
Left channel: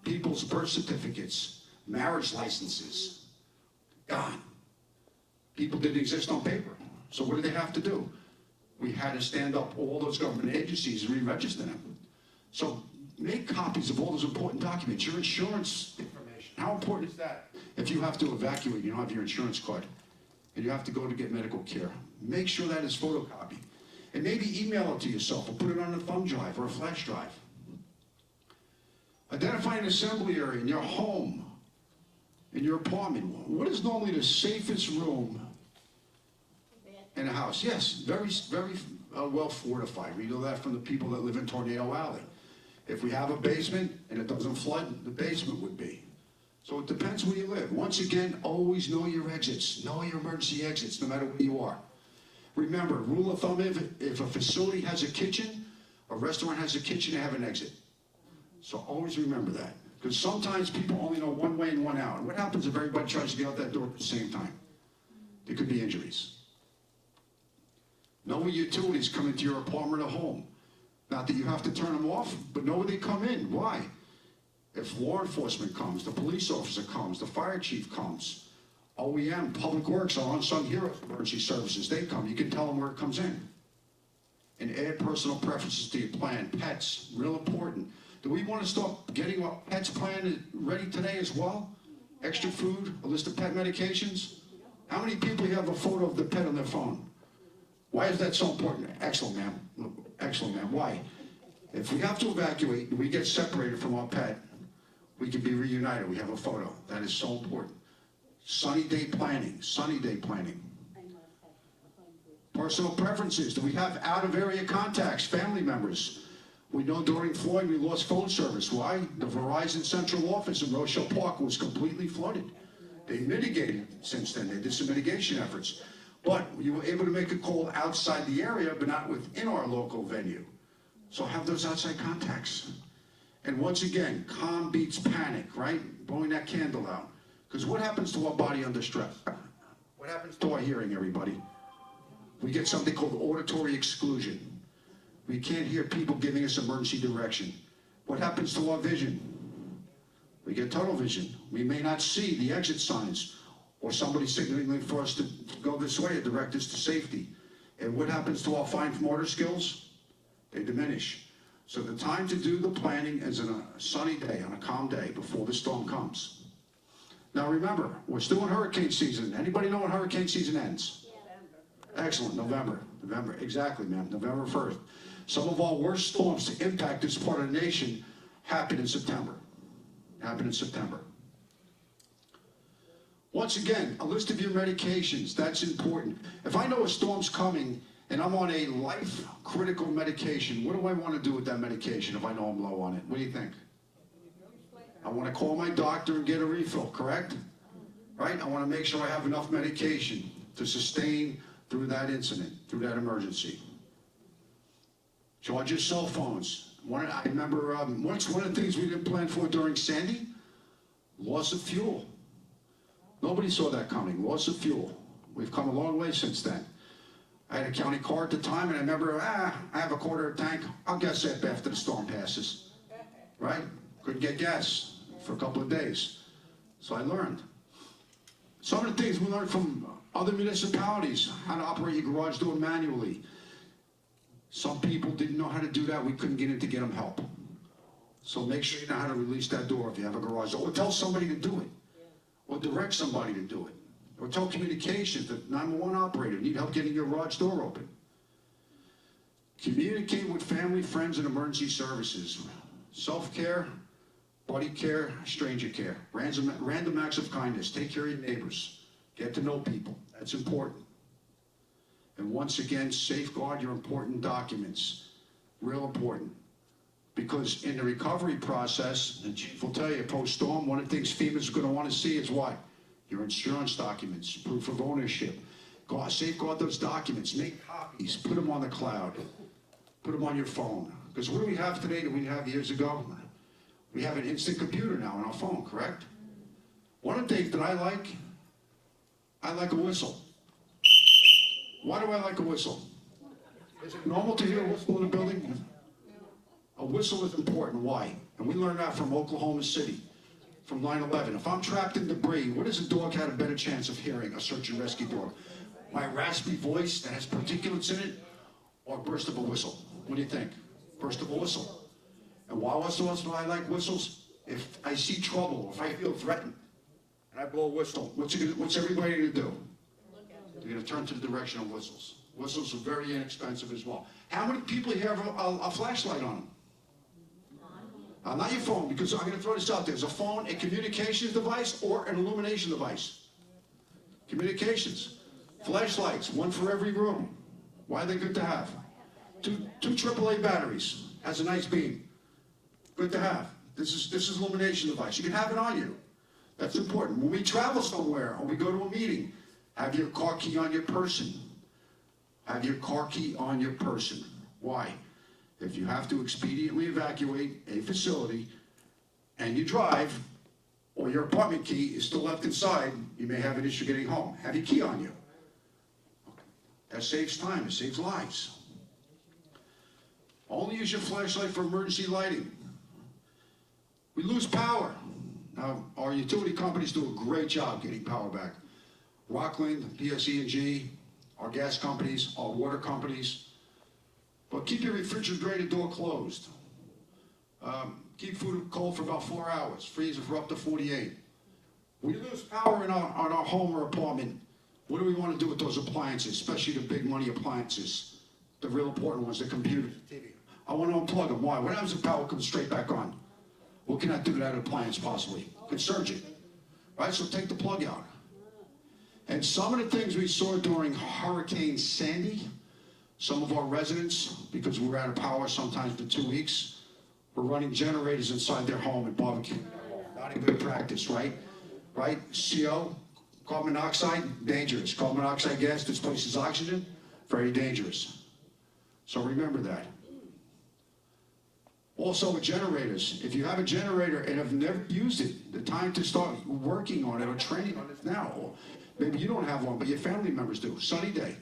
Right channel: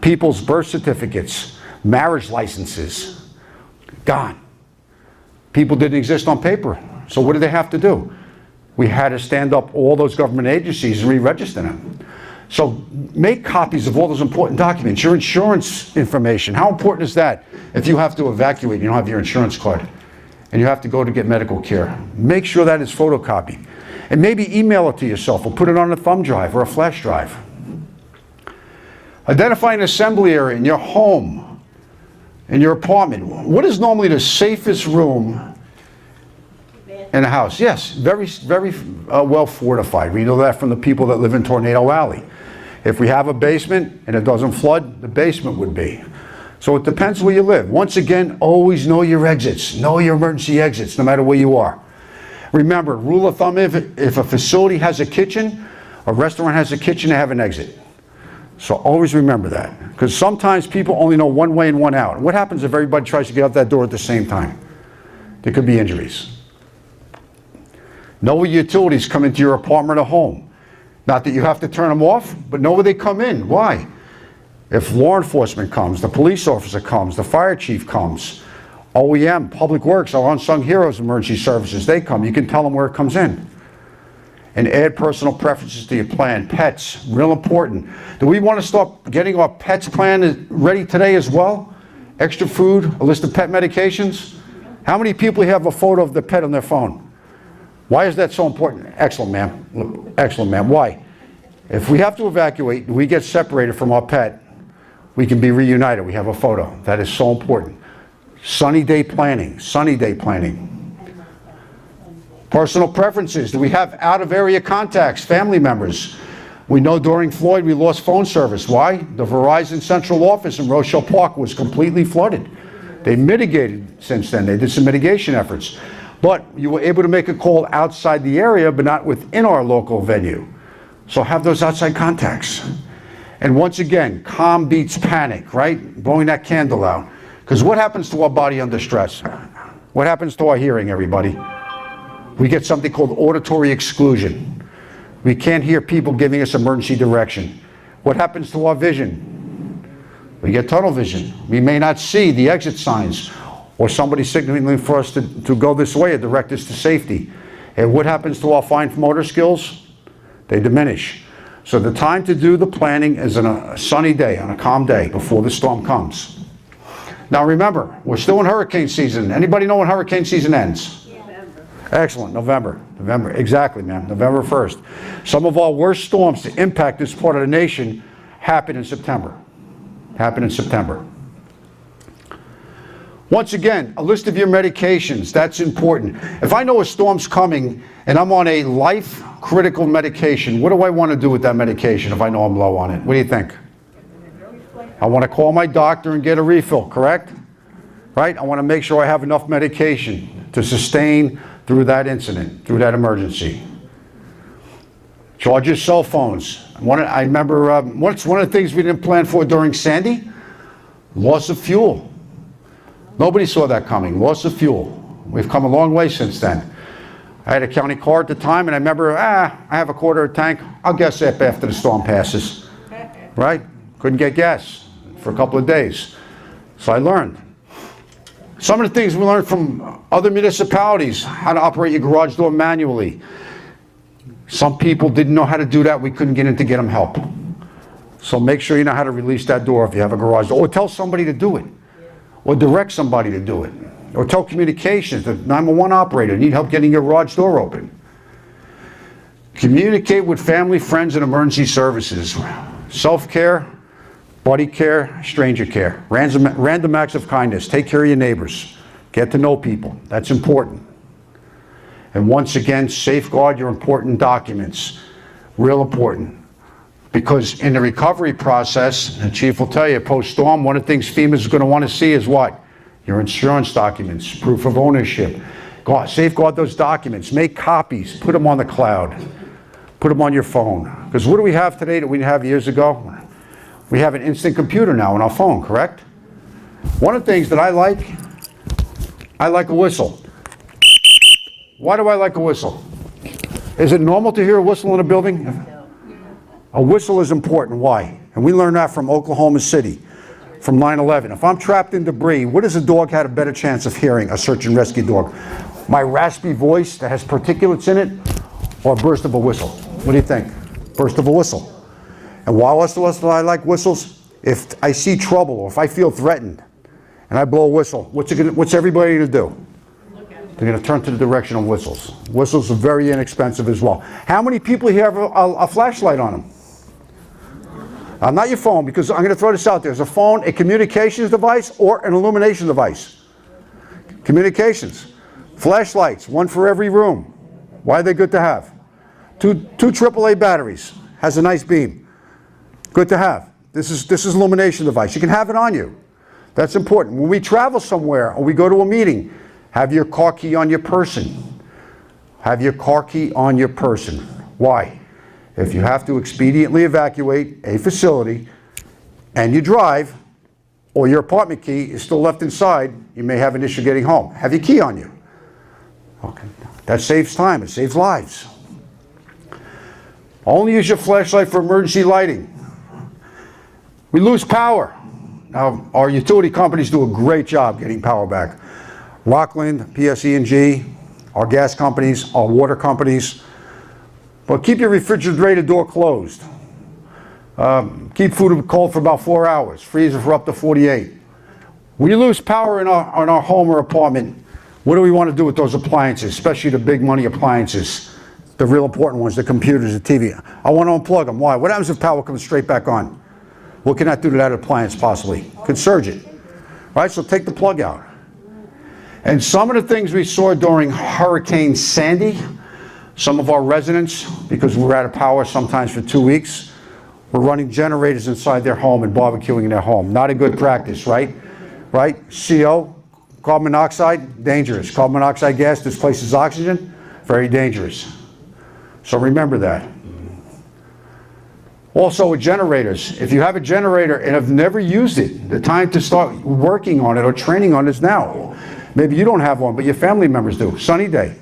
People's birth certificates, Marriage licenses, gone. People didn't exist on paper. So what did they have to do? We had to stand up all those government agencies and re-register them. So make copies of all those important documents. Your insurance information, how important is that? If you have to evacuate and you don't have your insurance card and you have to go to get medical care, make sure that is photocopied. And maybe email it to yourself or put it on a thumb drive or a flash drive. Identify an assembly area in your home, in your apartment. What is normally the safest room in a house? Yes, very well fortified. We know that from the people that live in Tornado Alley. If we have a basement and it doesn't flood, the basement would be. So it depends where you live. Once again, always know your exits. Know your emergency exits, no matter where you are. Remember, rule of thumb, if a facility has a kitchen, a restaurant has a kitchen, they have an exit. So always remember that. Because sometimes people only know one way and one out. What happens if everybody tries to get out that door at the same time? There could be injuries. Know where utilities come into your apartment or home. Not that you have to turn them off, but know where they come in. Why? If law enforcement comes, the police officer comes, the fire chief comes, OEM, Public Works, our unsung heroes, emergency services, they come. You can tell them where it comes in. And add personal preferences to your plan. Pets, real important. Do we want to start getting our pets plan ready today as well? Extra food, a list of pet medications? How many people have a photo of the pet on their phone? Why is that so important? Excellent, ma'am. Excellent, ma'am. Why? If we have to evacuate and we get separated from our pet, we can be reunited. We have a photo. That is so important. Sunny day planning. Sunny day planning. Personal preferences. Do we have out-of-area contacts, family members? We know during Floyd we lost phone service. Why? The Verizon central office in Rochelle Park was completely flooded. They mitigated since then. They did some mitigation efforts. But you were able to make a call outside the area, but not within our local venue. So have those outside contacts. And once again, calm beats panic, right? Blowing that candle out. Because what happens to our body under stress? What happens to our hearing, everybody? We get something called auditory exclusion. We can't hear people giving us emergency direction. What happens to our vision? We get tunnel vision. We may not see the exit signs or somebody signaling for us to go this way or direct us to safety. And what happens to our fine motor skills? They diminish. So the time to do the planning is on a sunny day, on a calm day before the storm comes. Now remember, we're still in hurricane season. Anybody know when hurricane season ends? November. Excellent, November. November, exactly, ma'am, November 1st. Some of our worst storms to impact this part of the nation happen in September. Once again, a list of your medications, that's important. If I know a storm's coming and I'm on a life-critical medication, what do I want to do with that medication if I know I'm low on it? What do you think? I want to call my doctor and get a refill, correct? Right? I want to make sure I have enough medication to sustain through that incident, through that emergency. Charge your cell phones. I remember one of the things we didn't plan for during Sandy, loss of fuel. Nobody saw that coming, loss of fuel. We've come a long way since then. I had a county car at the time, and I remember, I have a quarter of a tank. I'll gas up after the storm passes, right? Couldn't get gas for a couple of days. So I learned. Some of the things we learned from other municipalities, how to operate your garage door manually. Some people didn't know how to do that. We couldn't get in to get them help. So make sure you know how to release that door if you have a garage door, or tell somebody to do it. Or direct somebody to do it. Or tell communications, the 911 operator, need help getting your garage door open. Communicate with family, friends, and emergency services. Self-care, buddy care, stranger care. Random acts of kindness. Take care of your neighbors. Get to know people. That's important. And once again, safeguard your important documents. Real important. Because in the recovery process, the chief will tell you, post-storm, one of the things FEMA is going to want to see is what? Your insurance documents, proof of ownership. Safeguard those documents. Make copies. Put them on the cloud. Put them on your phone. Because what do we have today that we didn't have years ago? We have an instant computer now on our phone, correct? One of the things that I like a whistle. Why do I like a whistle? Is it normal to hear a whistle in a building? A whistle is important. Why? And we learned that from Oklahoma City. from 9/11. If I'm trapped in debris, what does a dog have a better chance of hearing, a search and rescue dog? My raspy voice that has particulates in it, or a burst of a whistle? What do you think? Burst of a whistle. And why also I like whistles? If I see trouble or if I feel threatened and I blow a whistle, what's everybody going to do? They're going to turn to the direction of whistles. Whistles are very inexpensive as well. How many people here have a flashlight on them? Not your phone, because I'm going to throw this out there. There's a phone, a communications device, or an illumination device. Communications. Flashlights, one for every room. Why are they good to have? Two AAA batteries. Has a nice beam. Good to have. This is illumination device. You can have it on you. That's important. When we travel somewhere or we go to a meeting, have your car key on your person. Have your car key on your person. Why? If you have to expediently evacuate a facility and you drive, or your apartment key is still left inside, you may have an issue getting home. Have your key on you. Okay. That saves time. It saves lives. Only use your flashlight for emergency lighting. We lose power. Now, our utility companies do a great job getting power back. Rockland, PSE&G, our gas companies, our water companies. But keep your refrigerator door closed. Keep food cold for about 4 hours. Freezer for up to 48. When you lose power in our home or apartment, what do we want to do with those appliances, especially the big money appliances, the real important ones, the computers, the TV? I want to unplug them. Why? What happens if power comes straight back on? What can I do to that appliance possibly? Could surge it. Right? So take the plug out. And some of the things we saw during Hurricane Sandy, some of our residents, because we were out of power sometimes for 2 weeks, were running generators inside their home and barbecuing in their home. Not a good practice, right? Right? CO, carbon monoxide, dangerous. Carbon monoxide gas displaces oxygen, very dangerous. So remember that. Also with generators, if you have a generator and have never used it, the time to start working on it or training on it is now. Maybe you don't have one, but your family members do. Sunny day.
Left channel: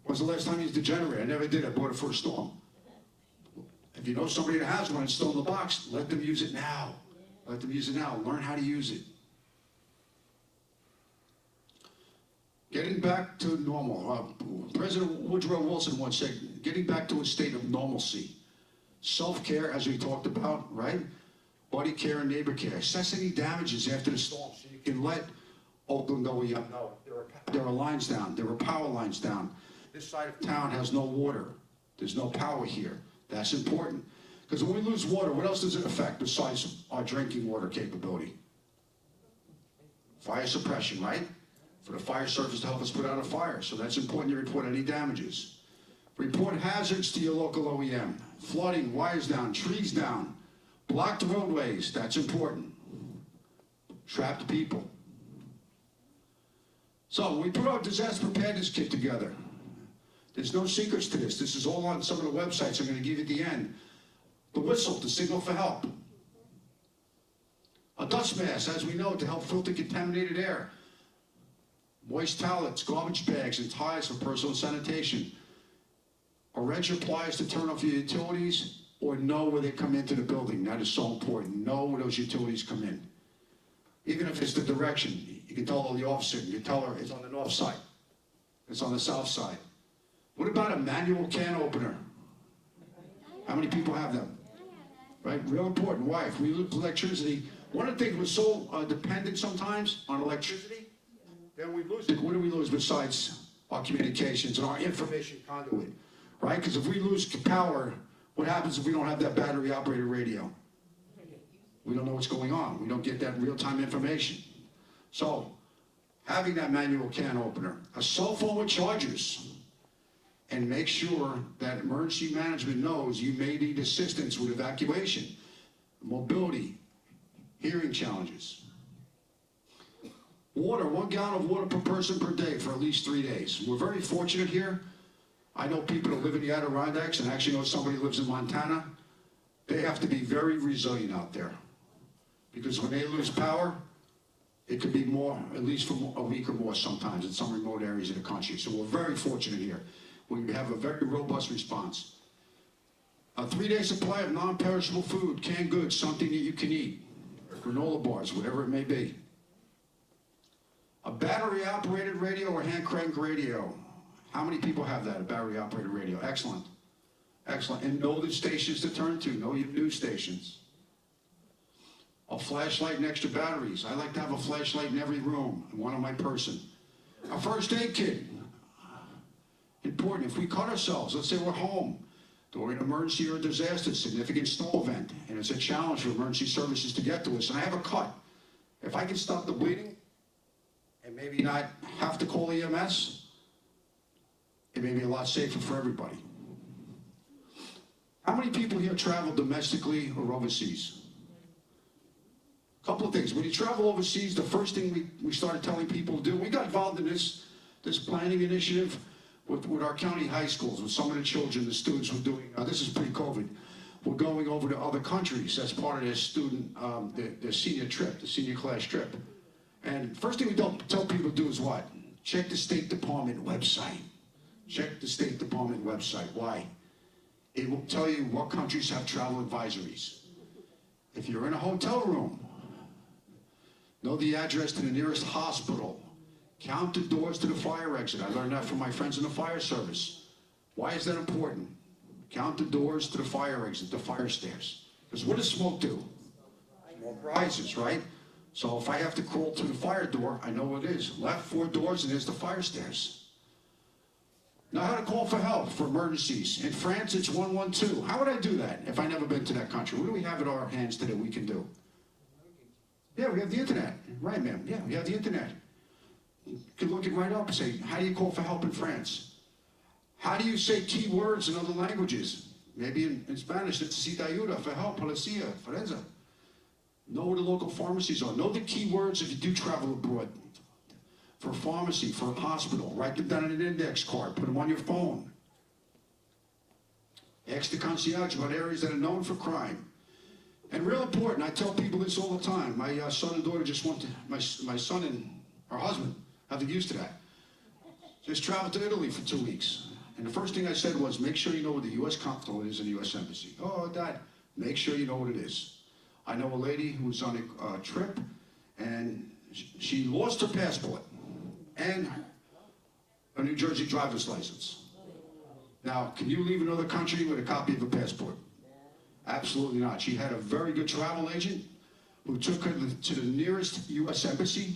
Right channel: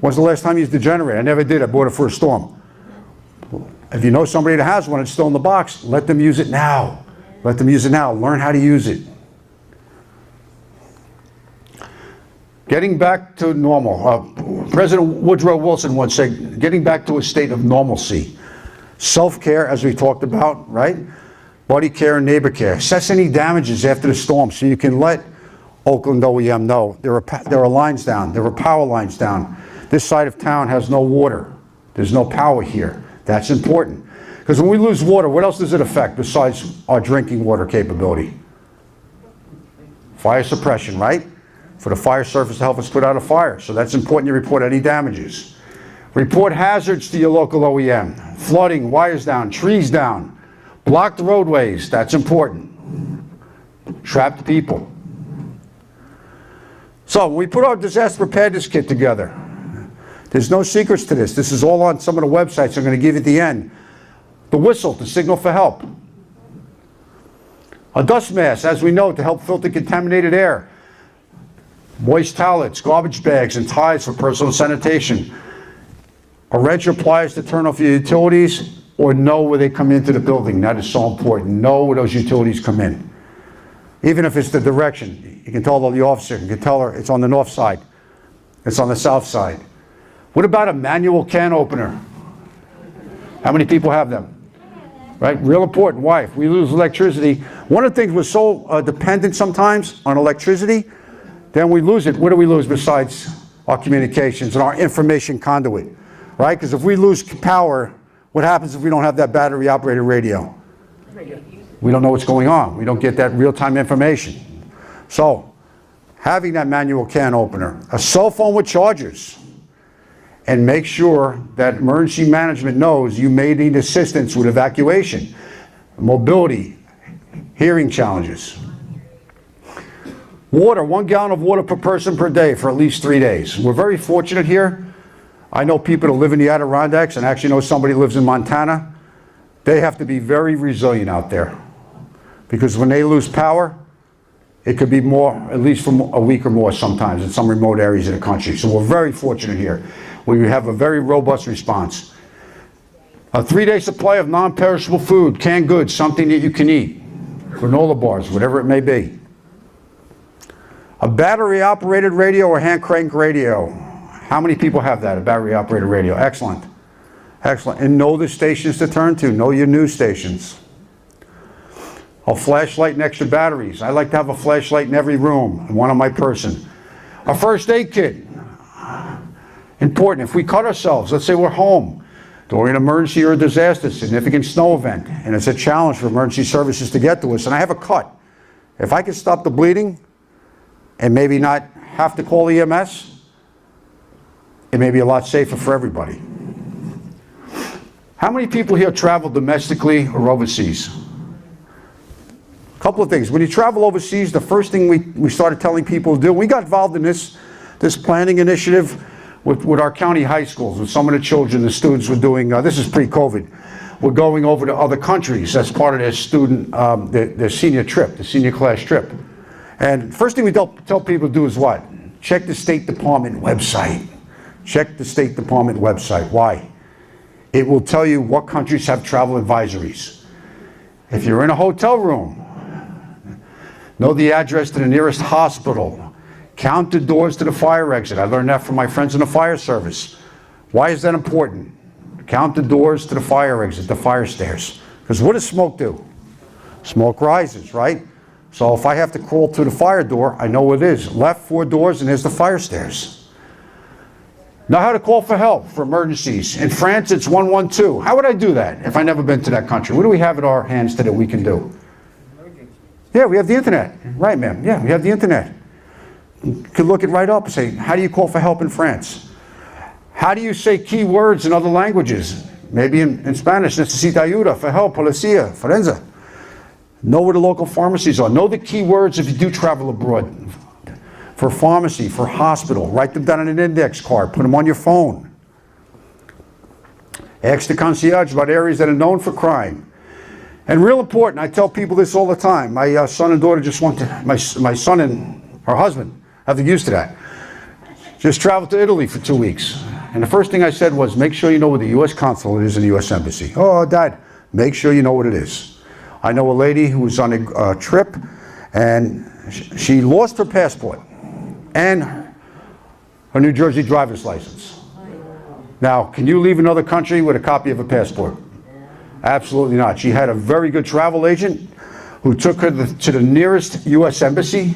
When's the last time you used the generator? I never did. I bought it for a storm. If you know somebody that has one, it's still in the box, let them use it now. Let them use it now. Learn how to use it. Getting back to normal. President Woodrow Wilson once said, getting back to a state of normalcy. Self-care, as we talked about, right? Buddy care and neighbor care. Assess any damages after the storm so you can let Oakland OEM know there are lines down, there are power lines down. This side of town has no water. There's no power here. That's important. Because when we lose water, what else does it affect besides our drinking water capability? Fire suppression, right? For the fire service to help us put out a fire. So that's important you report any damages. Report hazards to your local OEM. Flooding, wires down, trees down, blocked roadways, that's important. Trapped people. So we put our disaster preparedness kit together. There's no secrets to this. This is all on some of the websites I'm going to give you at the end. The whistle to signal for help. A dust mask, as we know, to help filter contaminated air. Moist towelettes, garbage bags, and ties for personal sanitation. A wrench or pliers to turn off your utilities, or know where they come into the building. That is so important. Know where those utilities come in. Even if it's the direction. You can tell the officer, you can tell her it's on the north side. It's on the south side. What about a manual can opener? How many people have them? Right? Real important. Why? If we lose electricity, one of the things we're so dependent sometimes on electricity, then we lose it. What do we lose besides our communications and our information conduit? Right? Because if we lose power, what happens if we don't have that battery operated radio? We don't know what's going on. We don't get that real-time information. So, having that manual can opener, a cell phone with chargers, and make sure that emergency management knows you may need assistance with evacuation, mobility, hearing challenges. Water, 1 gallon of water per person per day for at least 3 days. We're very fortunate here. I know people that live in the Adirondacks, and actually know somebody who lives in Montana. They have to be very resilient out there. Because when they lose power, it could be more, at least for a week or more sometimes in some remote areas of the country. So we're very fortunate here. We have a very robust response. A 3-day supply of non-perishable food, canned goods, something that you can eat. granola bars, whatever it may be. A battery-operated radio or hand crank radio. How many people have that, a battery-operated radio? Excellent. Excellent. And know the stations to turn to. Know your news stations. A flashlight and extra batteries. I like to have a flashlight in every room, and one on my person. A first aid kit. Important. If we cut ourselves, let's say we're home during an emergency or a disaster, significant snow event, and it's a challenge for emergency services to get to us, and I have a cut. If I can stop the bleeding and maybe not have to call EMS, it may be a lot safer for everybody. How many people here travel domestically or overseas? A couple of things. When you travel overseas, the first thing we started telling people to do, we got involved in this planning initiative with our county high schools, with some of the children, the students were doing, this is pre-COVID, we're going over to other countries. That's part of their student, their senior trip, the senior class trip. And first thing we tell people to do is what? Check the State Department website. Check the State Department website. Why? It will tell you what countries have travel advisories. If you're in a hotel room, know the address to the nearest hospital. Count the doors to the fire exit. I learned that from my friends in the fire service. Why is that important? Count the doors to the fire exit, the fire stairs. Because what does smoke do? Smoke rises, right? So if I have to crawl to the fire door, I know what it is. Left 4 doors and there's the fire stairs. Know how to call for help for emergencies. In France, it's 112. How would I do that if I've never been to that country? What do we have at our hands today that we can do? Yeah, we have the internet. Right, ma'am. Yeah, we have the internet. You could look it right up and say, how do you call for help in France? How do you say key words in other languages? Maybe in Spanish, necesita ayuda, for help, policía, forense. Know where the local pharmacies are. Know the key words if you do travel abroad. For pharmacy, for hospital, write them down on an index card, put them on your phone. Ask the concierge about areas that are known for crime. And real important, I tell people this all the time. My son and daughter just went to, my son and her husband have the use to that. Just traveled to Italy for 2 weeks. And the first thing I said was, make sure you know where the U.S. consulate is in the U.S. Embassy. Oh, Dad, make sure you know what it is. I know a lady who was on a trip, and she lost her passport and her New Jersey driver's license. Now, can you leave another country with a copy of a passport? Absolutely not. She had a very good travel agent who took her to the nearest U.S. embassy,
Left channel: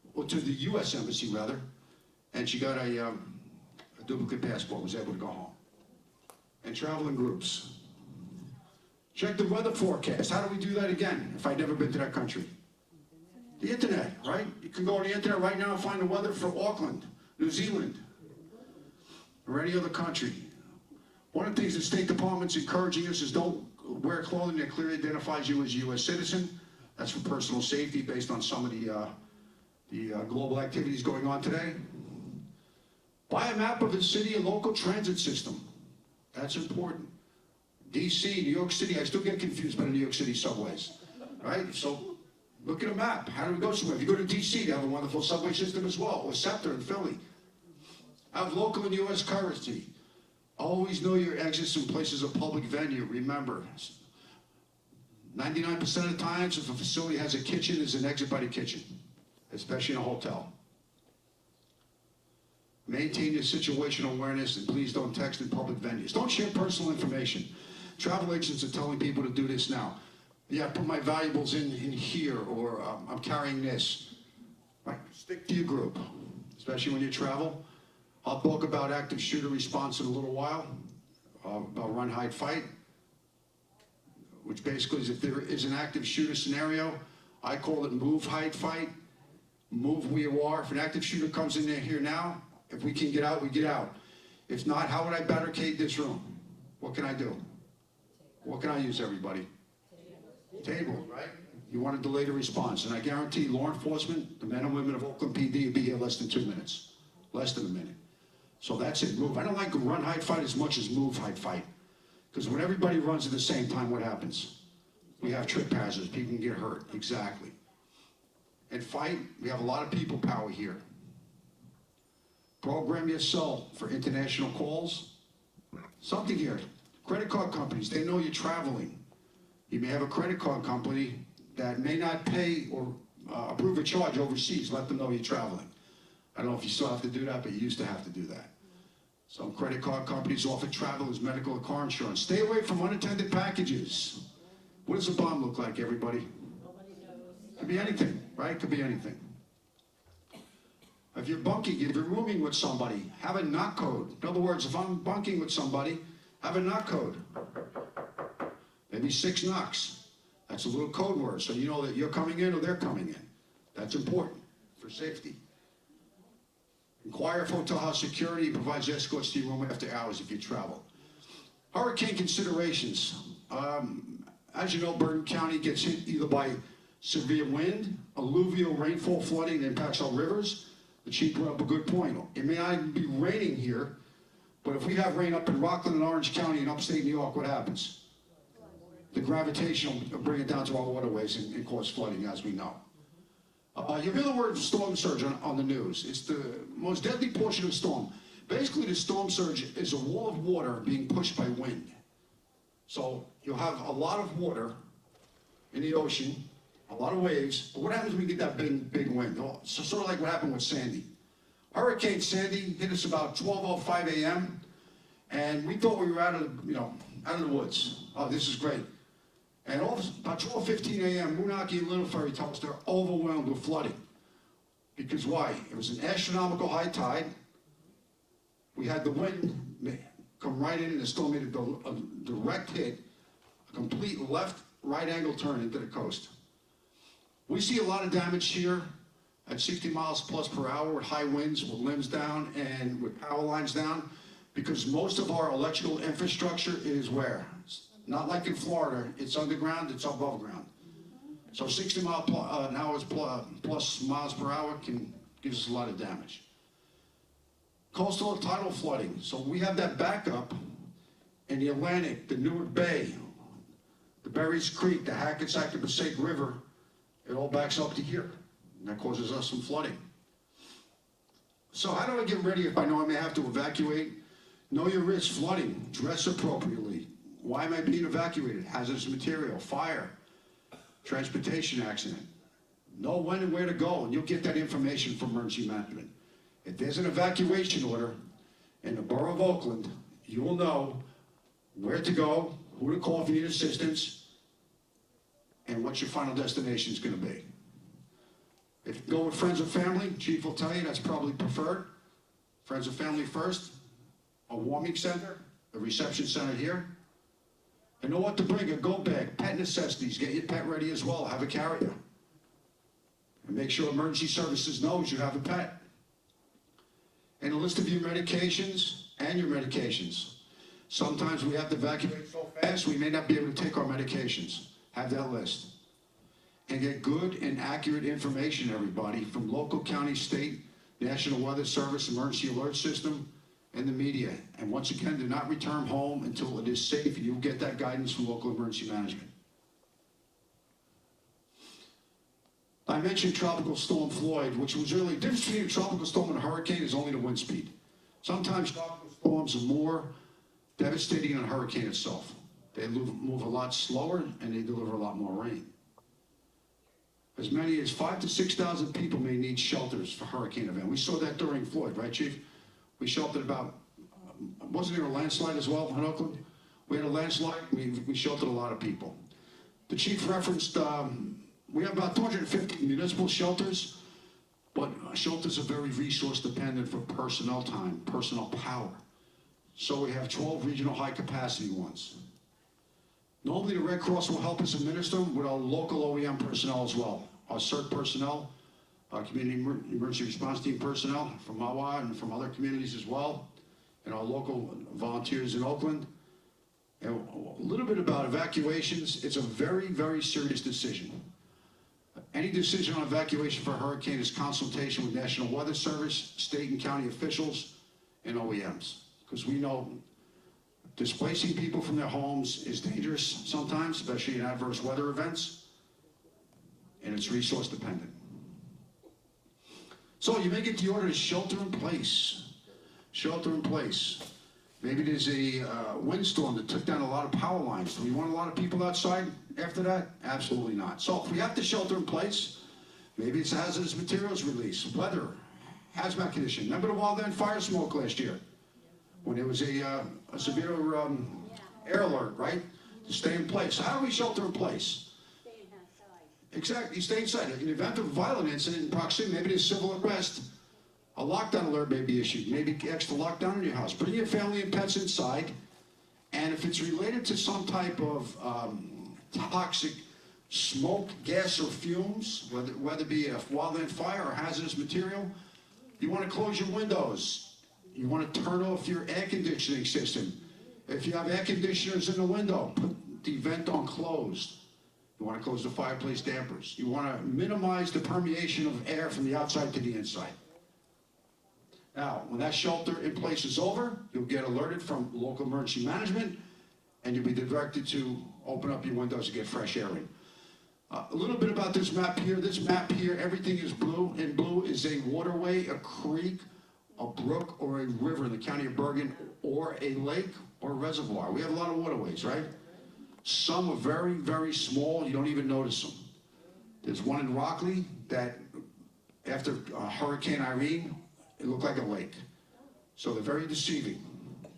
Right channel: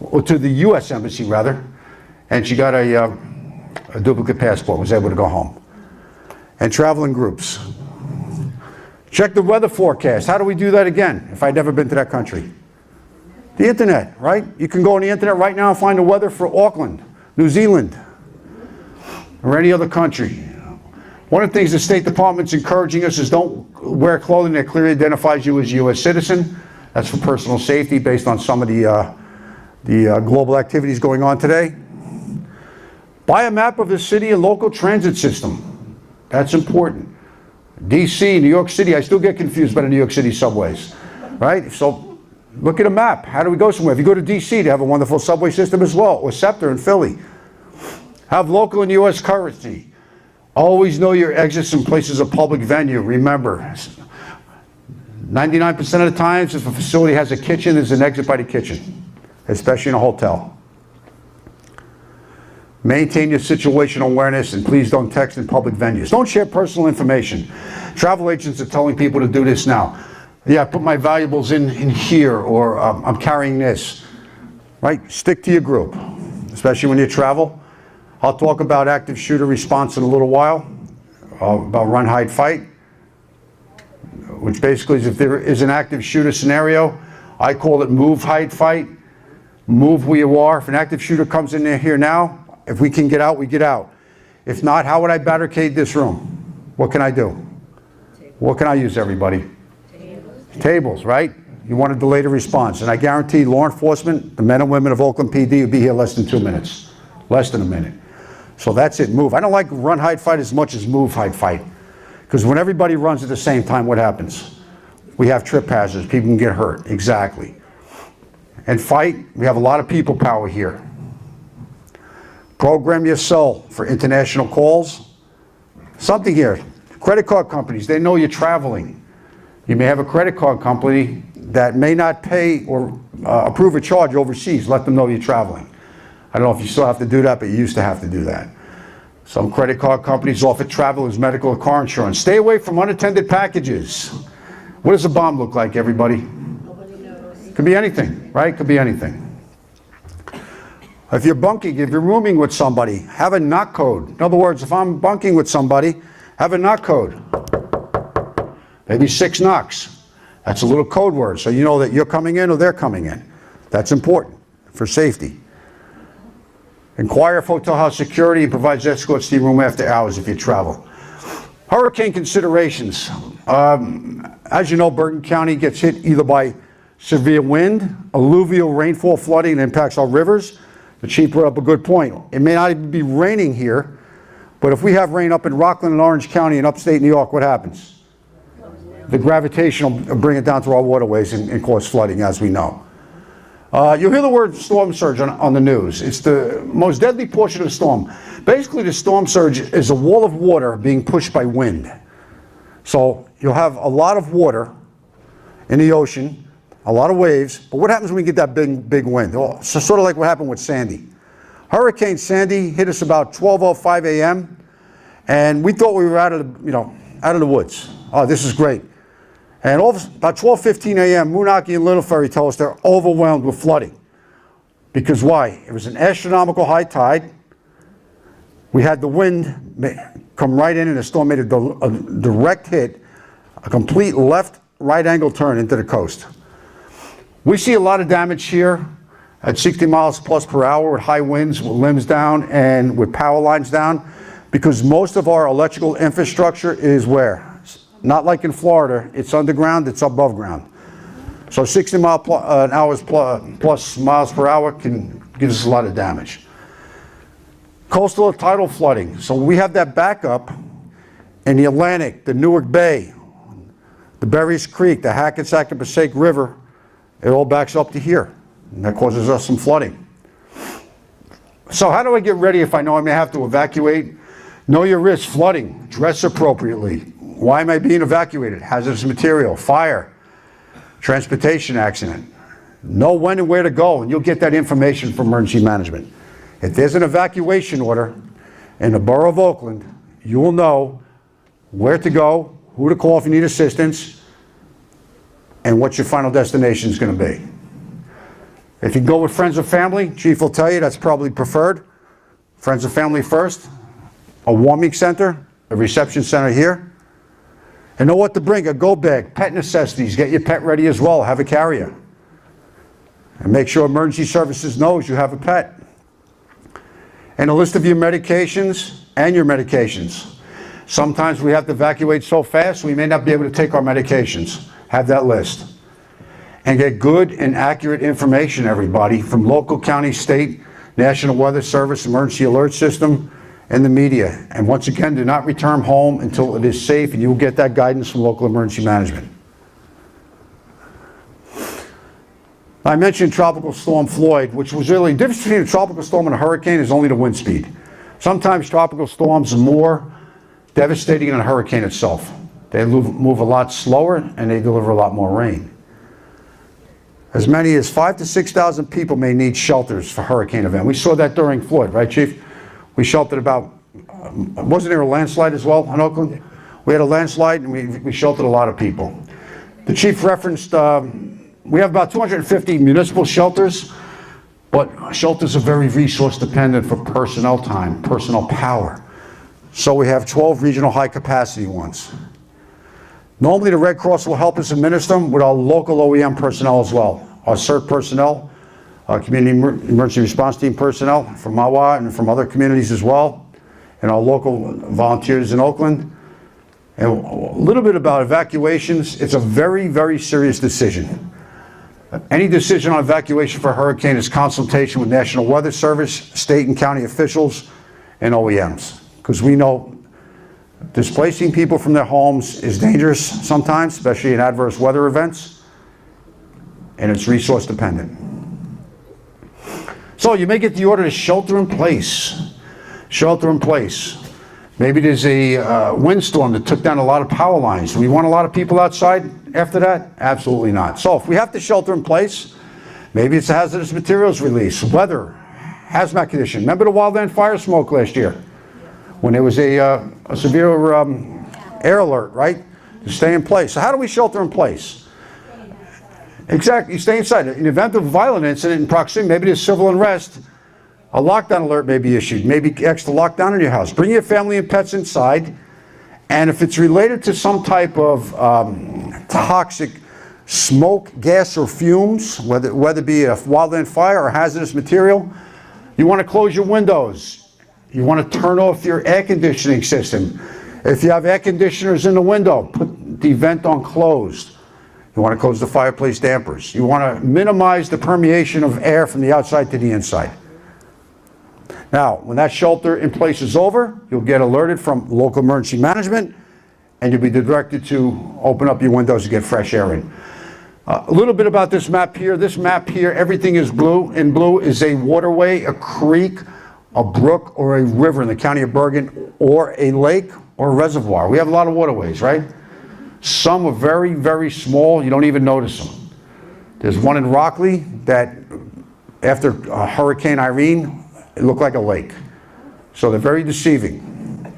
or to the U.S. embassy rather, and she got a duplicate passport, was able to go home. And travel in groups. Check the weather forecast. How do we do that again if I'd never been to that country? The internet, right? You can go on the internet right now and find the weather for Auckland, New Zealand, or any other country. One of the things the State Department's encouraging us is don't wear clothing that clearly identifies you as a U.S. citizen. That's for personal safety based on some of the global activities going on today. Buy a map of the city and local transit system. That's important. DC, New York City, I still get confused by the New York City subways, right? So look at a map. How do we go somewhere? If you go to DC, they have a wonderful subway system as well, or SEPTA in Philly. Have local and U.S. currency. Always know your exits in places of public venue. Remember, 99% of the times if a facility has a kitchen, there's an exit by the kitchen, especially in a hotel. Maintain your situational awareness and please don't text in public venues. Don't share personal information. Travel agents are telling people to do this now. Yeah, put my valuables in here, or I'm carrying this. Right? Stick to your group, especially when you travel. I'll talk about active shooter response in a little while, about run, hide, fight, which basically is if there is an active shooter scenario, I call it move, hide, fight. Move where you are. If an active shooter comes in here now, if we can get out, we get out. If not, how would I barricade this room? What can I do? What can I use, everybody? Tables, right? You want to delay the response. And I guarantee law enforcement, the men and women of Oakland PD, will be here less than 2 minutes. Less than a minute. So that's it, move. I don't like run, hide, fight as much as move, hide, fight. Because when everybody runs at the same time, what happens? We have trip hazards. People can get hurt. Exactly. And fight, we have a lot of people power here. Program your cell for international calls. Something here. Credit card companies, they know you're traveling. You may have a credit card company that may not pay or approve a charge overseas, let them know you're traveling. I don't know if you still have to do that, but you used to have to do that. Some credit card companies offer travelers medical or car insurance. Stay away from unattended packages. What does a bomb look like, everybody? Could be anything, right? Could be anything. If you're bunking, if you're rooming with somebody, have a knock code. In other words, if I'm bunking with somebody, have a knock code. Maybe 6 knocks. That's a little code word, so you know that you're coming in or they're coming in. That's important for safety. Inquire if hotel has security and provides escorts to your room after hours if you travel. Hurricane considerations. As you know, Bergen County gets hit either by severe wind, alluvial rainfall, flooding that impacts our rivers. The chief brought up a good point. It may not even be raining here, but if we have rain up in Rockland and Orange County in upstate New York, what happens? The gravitation will bring it down to our waterways and cause flooding, as we know. You'll hear the word storm surge on the news. It's the most deadly portion of the storm. Basically, the storm surge is a wall of water being pushed by wind. So you'll have a lot of water in the ocean, a lot of waves, but what happens when we get that big wind? Well, so sort of like what happened with Sandy. Hurricane Sandy hit us about 12:05 a.m. and we thought we were out of the woods. Oh, this is great. And about 12:15 a.m., Moonachie and Little Ferry tell us they're overwhelmed with flooding. Because why? It was an astronomical high tide. We had the wind come right in and the storm made a direct hit, a complete left-right angle turn into the coast. We see a lot of damage here at 60 miles plus per hour with high winds, with limbs down, and with power lines down, because most of our electrical infrastructure is where? Not like in Florida, it's underground, it's above ground. So 60 miles plus miles per hour can give us a lot of damage. Coastal or tidal flooding. So we have that backup in the Atlantic, the Newark Bay, the Berries Creek, the Hackensack and Passaic River. It all backs up to here, and that causes us some flooding. So how do I get ready if I know I may have to evacuate? Know your risks. Flooding, dress appropriately. Why am I being evacuated? Hazardous material, fire, transportation accident. Know when and where to go, and you'll get that information from emergency management. If there's an evacuation order in the borough of Oakland, you will know where to go, who to call if you need assistance, and what your final destination is going to be. If you go with friends or family, chief will tell you that's probably preferred. Friends and family first, a warming center, a reception center here. And know what to bring, a go bag, pet necessities, get your pet ready as well, have a carrier. And make sure emergency services knows you have a pet. And a list of your medications and your medications. Sometimes we have to evacuate so fast we may not be able to take our medications. Have that list. And get good and accurate information, everybody, from local, county, state, National Weather Service, Emergency Alert System, and the media. And once again, do not return home until it is safe, and you will get that guidance from local emergency management. I mentioned Tropical Storm Floyd, which was really, the difference between a tropical storm and a hurricane is only the wind speed. Sometimes tropical storms are more devastating than a hurricane itself. They move a lot slower and they deliver a lot more rain. As many as 5,000 to 6,000 people may need shelters for hurricane event. We saw that during Floyd, right, Chief? We sheltered about, wasn't there a landslide as well in Oakland? We had a landslide and we sheltered a lot of people. The Chief referenced, we have about 250 municipal shelters, but shelters are very resource dependent for personnel time, personnel power. So we have 12 regional high capacity ones. Normally the Red Cross will help us administer them with our local OEM personnel as well. Our CERT personnel, our Community Emergency Response Team personnel from MAWA and from other communities as well, and our local volunteers in Oakland. And a little bit about evacuations. It's a very, very serious decision. Any decision on evacuation for a hurricane is consultation with National Weather Service, state and county officials, and OEMs. Because we know displacing people from their homes is dangerous sometimes, especially in adverse weather events, and it's resource dependent. So you may get the order to shelter in place. Shelter in place. Maybe there's a windstorm that took down a lot of power lines. Do we want a lot of people outside after that? Absolutely not. So if we have to shelter in place, maybe it's a hazardous materials release, weather, hazmat condition. Remember the wildland fire smoke last year? When there was a severe air alert, right? To stay in place. So how do we shelter in place? Exactly, you stay inside. In the event of a violent incident in proximity, maybe there's civil unrest, a lockdown alert may be issued, maybe extra lockdown in your house. Bring your family and pets inside, and if it's related to some type of toxic smoke, gas, or fumes, whether it be a wildland fire or hazardous material, you want to close your windows. You want to turn off your air conditioning system. If you have air conditioners in the window, put the vent on closed. You want to close the fireplace dampers. You want to minimize the permeation of air from the outside to the inside. Now, when that shelter in place is over, you'll get alerted from local emergency management, and you'll be directed to open up your windows to get fresh air in. A little bit about this map here. This map here, everything is blue. In blue is a waterway, a creek, a brook, or a river in the county of Bergen, or a lake or a reservoir. We have a lot of waterways, right? Some are very, very small. You don't even notice them. There's one in Rockley that, after Hurricane Irene, it looked like a lake. So they're very deceiving.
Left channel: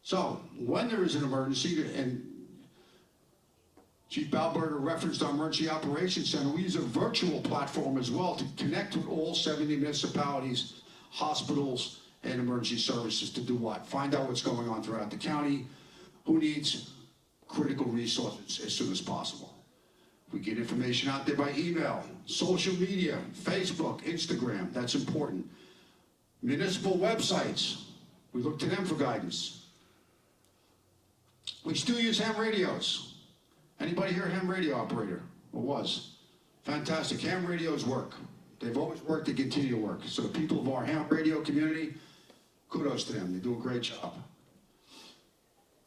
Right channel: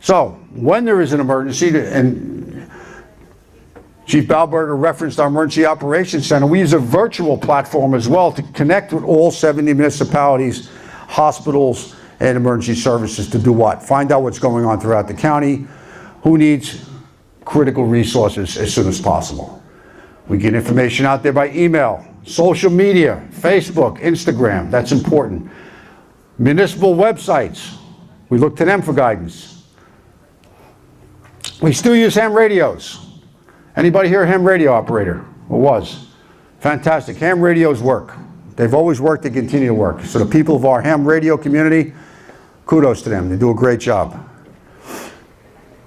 So when there is an emergency, and Chief Balberger referenced our Emergency Operations Center, we use a virtual platform as well to connect with all 70 municipalities, hospitals, and emergency services to do what? Find out what's going on throughout the county, who needs critical resources as soon as possible. We get information out there by email, social media, Facebook, Instagram, that's important. Municipal websites, we look to them for guidance. We still use ham radios. Anybody here a ham radio operator? Or was? Fantastic, ham radios work. They've always worked, they continue to work. So the people of our ham radio community, kudos to them, they do a great job.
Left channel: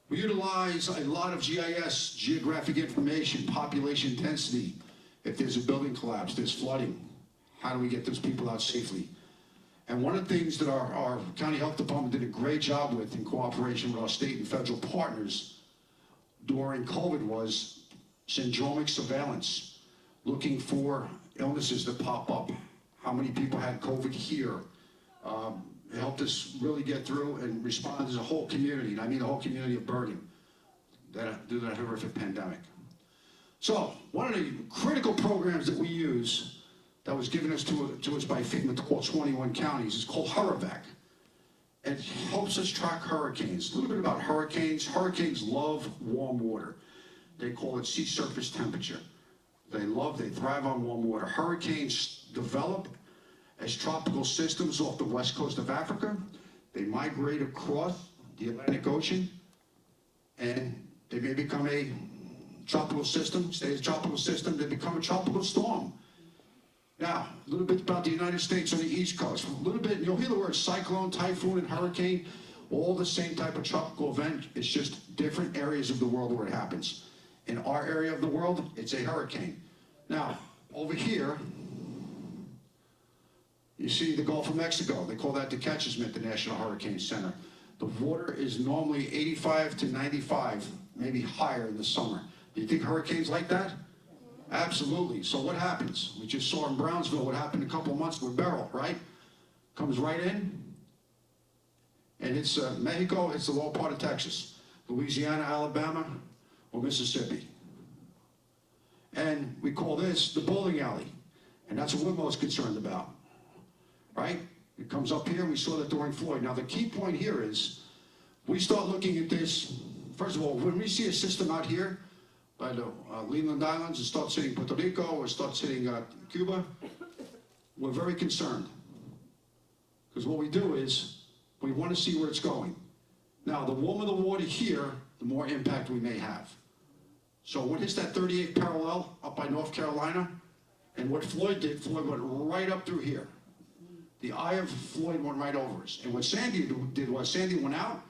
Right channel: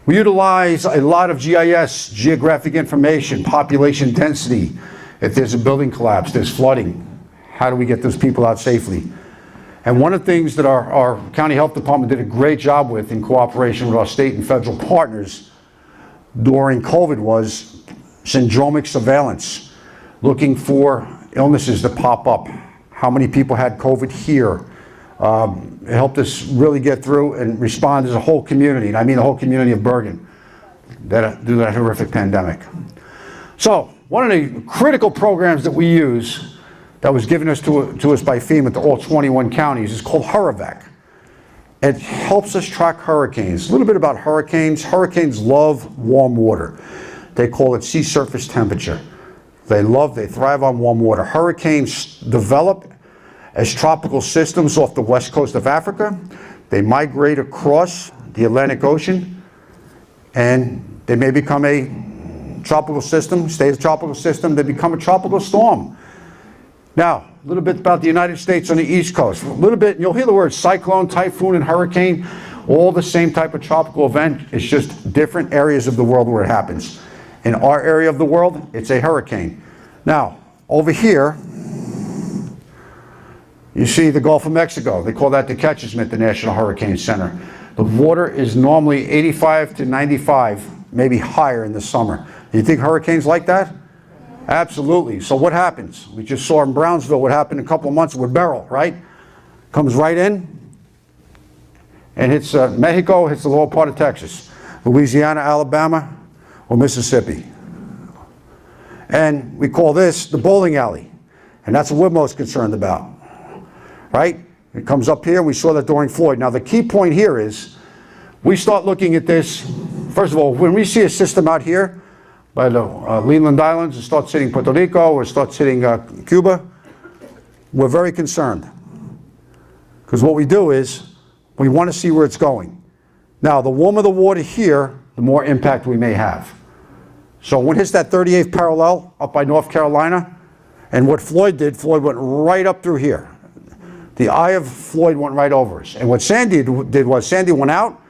We utilize a lot of GIS, geographic information, population density. If there's a building collapse, there's flooding, how do we get those people out safely? And one of the things that our county health department did a great job with in cooperation with our state and federal partners during COVID was syndromic surveillance, looking for illnesses that pop up. How many people had COVID here? It helped us really get through and respond as a whole community, and I mean the whole community of Bergen, through that horrific pandemic. So, one of the critical programs that we use that was given to us by FEMA to all 21 counties is called Hurrivac. It helps us track hurricanes. A little bit about hurricanes. Hurricanes love warm water. They call it sea surface temperature. They thrive on warm water. Hurricanes develop as tropical systems off the west coast of Africa. They migrate across the Atlantic Ocean, and they may become a tropical system, stay as a tropical system, they become a tropical storm. Now, a little bit about the United States on the East Coast. A little bit, you'll hear the words cyclone, typhoon, and hurricane, all the same type of tropical event. It's just different areas of the world where it happens. In our area of the world, it's a hurricane. Now, over here, you see the Gulf of Mexico. They call that the Catcher's Mitt, the National Hurricane Center. The water is normally 85 to 95, maybe higher in the summer. Do you think hurricanes like that? Absolutely. So what happens? We just saw in Brownsville what happened a couple of months with Beryl, right? Comes right in and hits Mexico, hits the lower part of Texas, Louisiana, Alabama, or Mississippi. And we call this the bowling alley. And that's what we're most concerned about. Right? It comes up here, and we saw that during Floyd. Now, the key point here is we start looking at this. First of all, when we see a system out here by the Leeward Islands and starts hitting Puerto Rico or starts hitting Cuba, we're very concerned. Because what we do is we want to see where it's going. Now, the warmer the water here, the more impact we may have. So when it hits that 38th parallel up by North Carolina, and what Floyd did, Floyd went right up through here. The eye of Floyd went right over us. And what Sandy did was Sandy went out,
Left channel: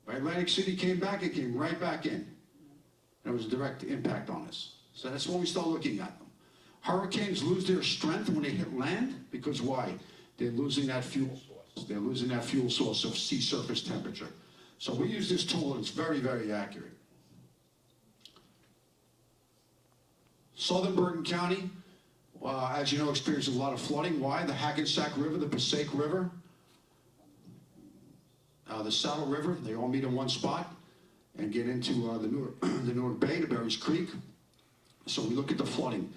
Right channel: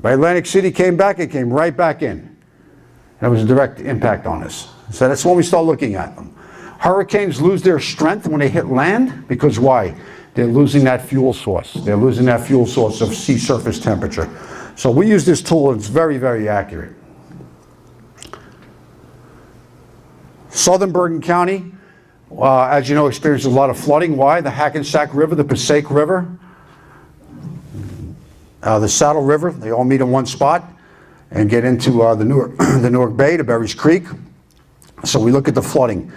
by Atlantic City came back, it came right back in. And it was a direct impact on us. So that's when we start looking at them. Hurricanes lose their strength when they hit land, because why? they're losing that fuel source. They're losing that fuel source of sea surface temperature. So we use this tool, and it's very, very accurate. Southern Bergen County, as you know, experiences a lot of flooding. Why? The Hackensack River, the Passaic River, the Saddle River, they all meet in one spot and get into the Newark Bay, the Berries Creek. So we look at the flooding.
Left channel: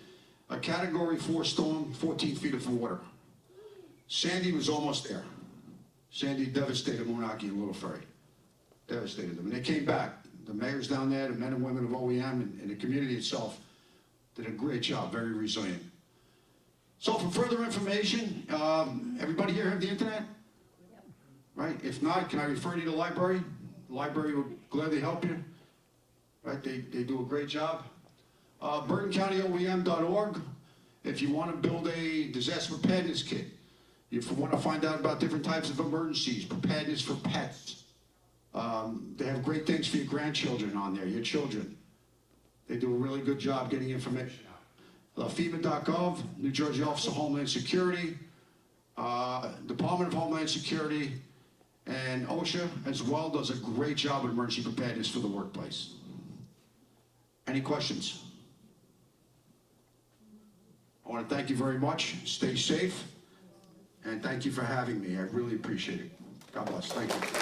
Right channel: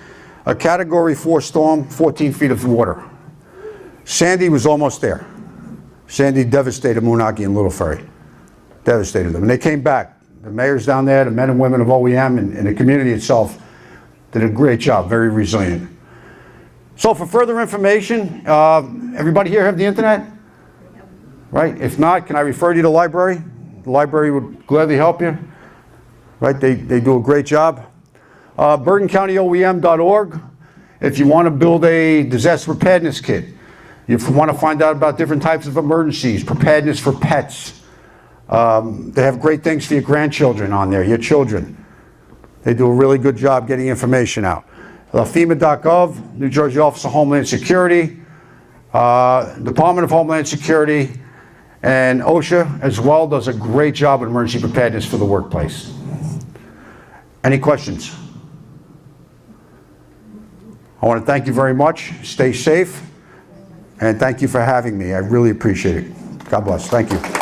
A Category 4 storm, 14 feet of water. Sandy was almost there. Sandy devastated Moonachie and Little Ferry. Devastated them. And they came back. The mayors down there, the men and women of OEM, and the community itself did a great job, very resilient. So for further information, everybody here have the internet? Right? If not, can I refer you to the library? The library would gladly help you. Right? They do a great job. BergenCountyOEM.org. If you want to build a disaster preparedness kit, if you want to find out about different types of emergencies, preparedness for pets. They have great things for your grandchildren on there, your children. They do a really good job getting information out. FEMA.gov, New Jersey Office of Homeland Security, Department of Homeland Security, and OSHA as well does a great job with emergency preparedness for the workplace. Any questions? I want to thank you very much. Stay safe, and thank you for having me. I really appreciate it. God bless. Thank you.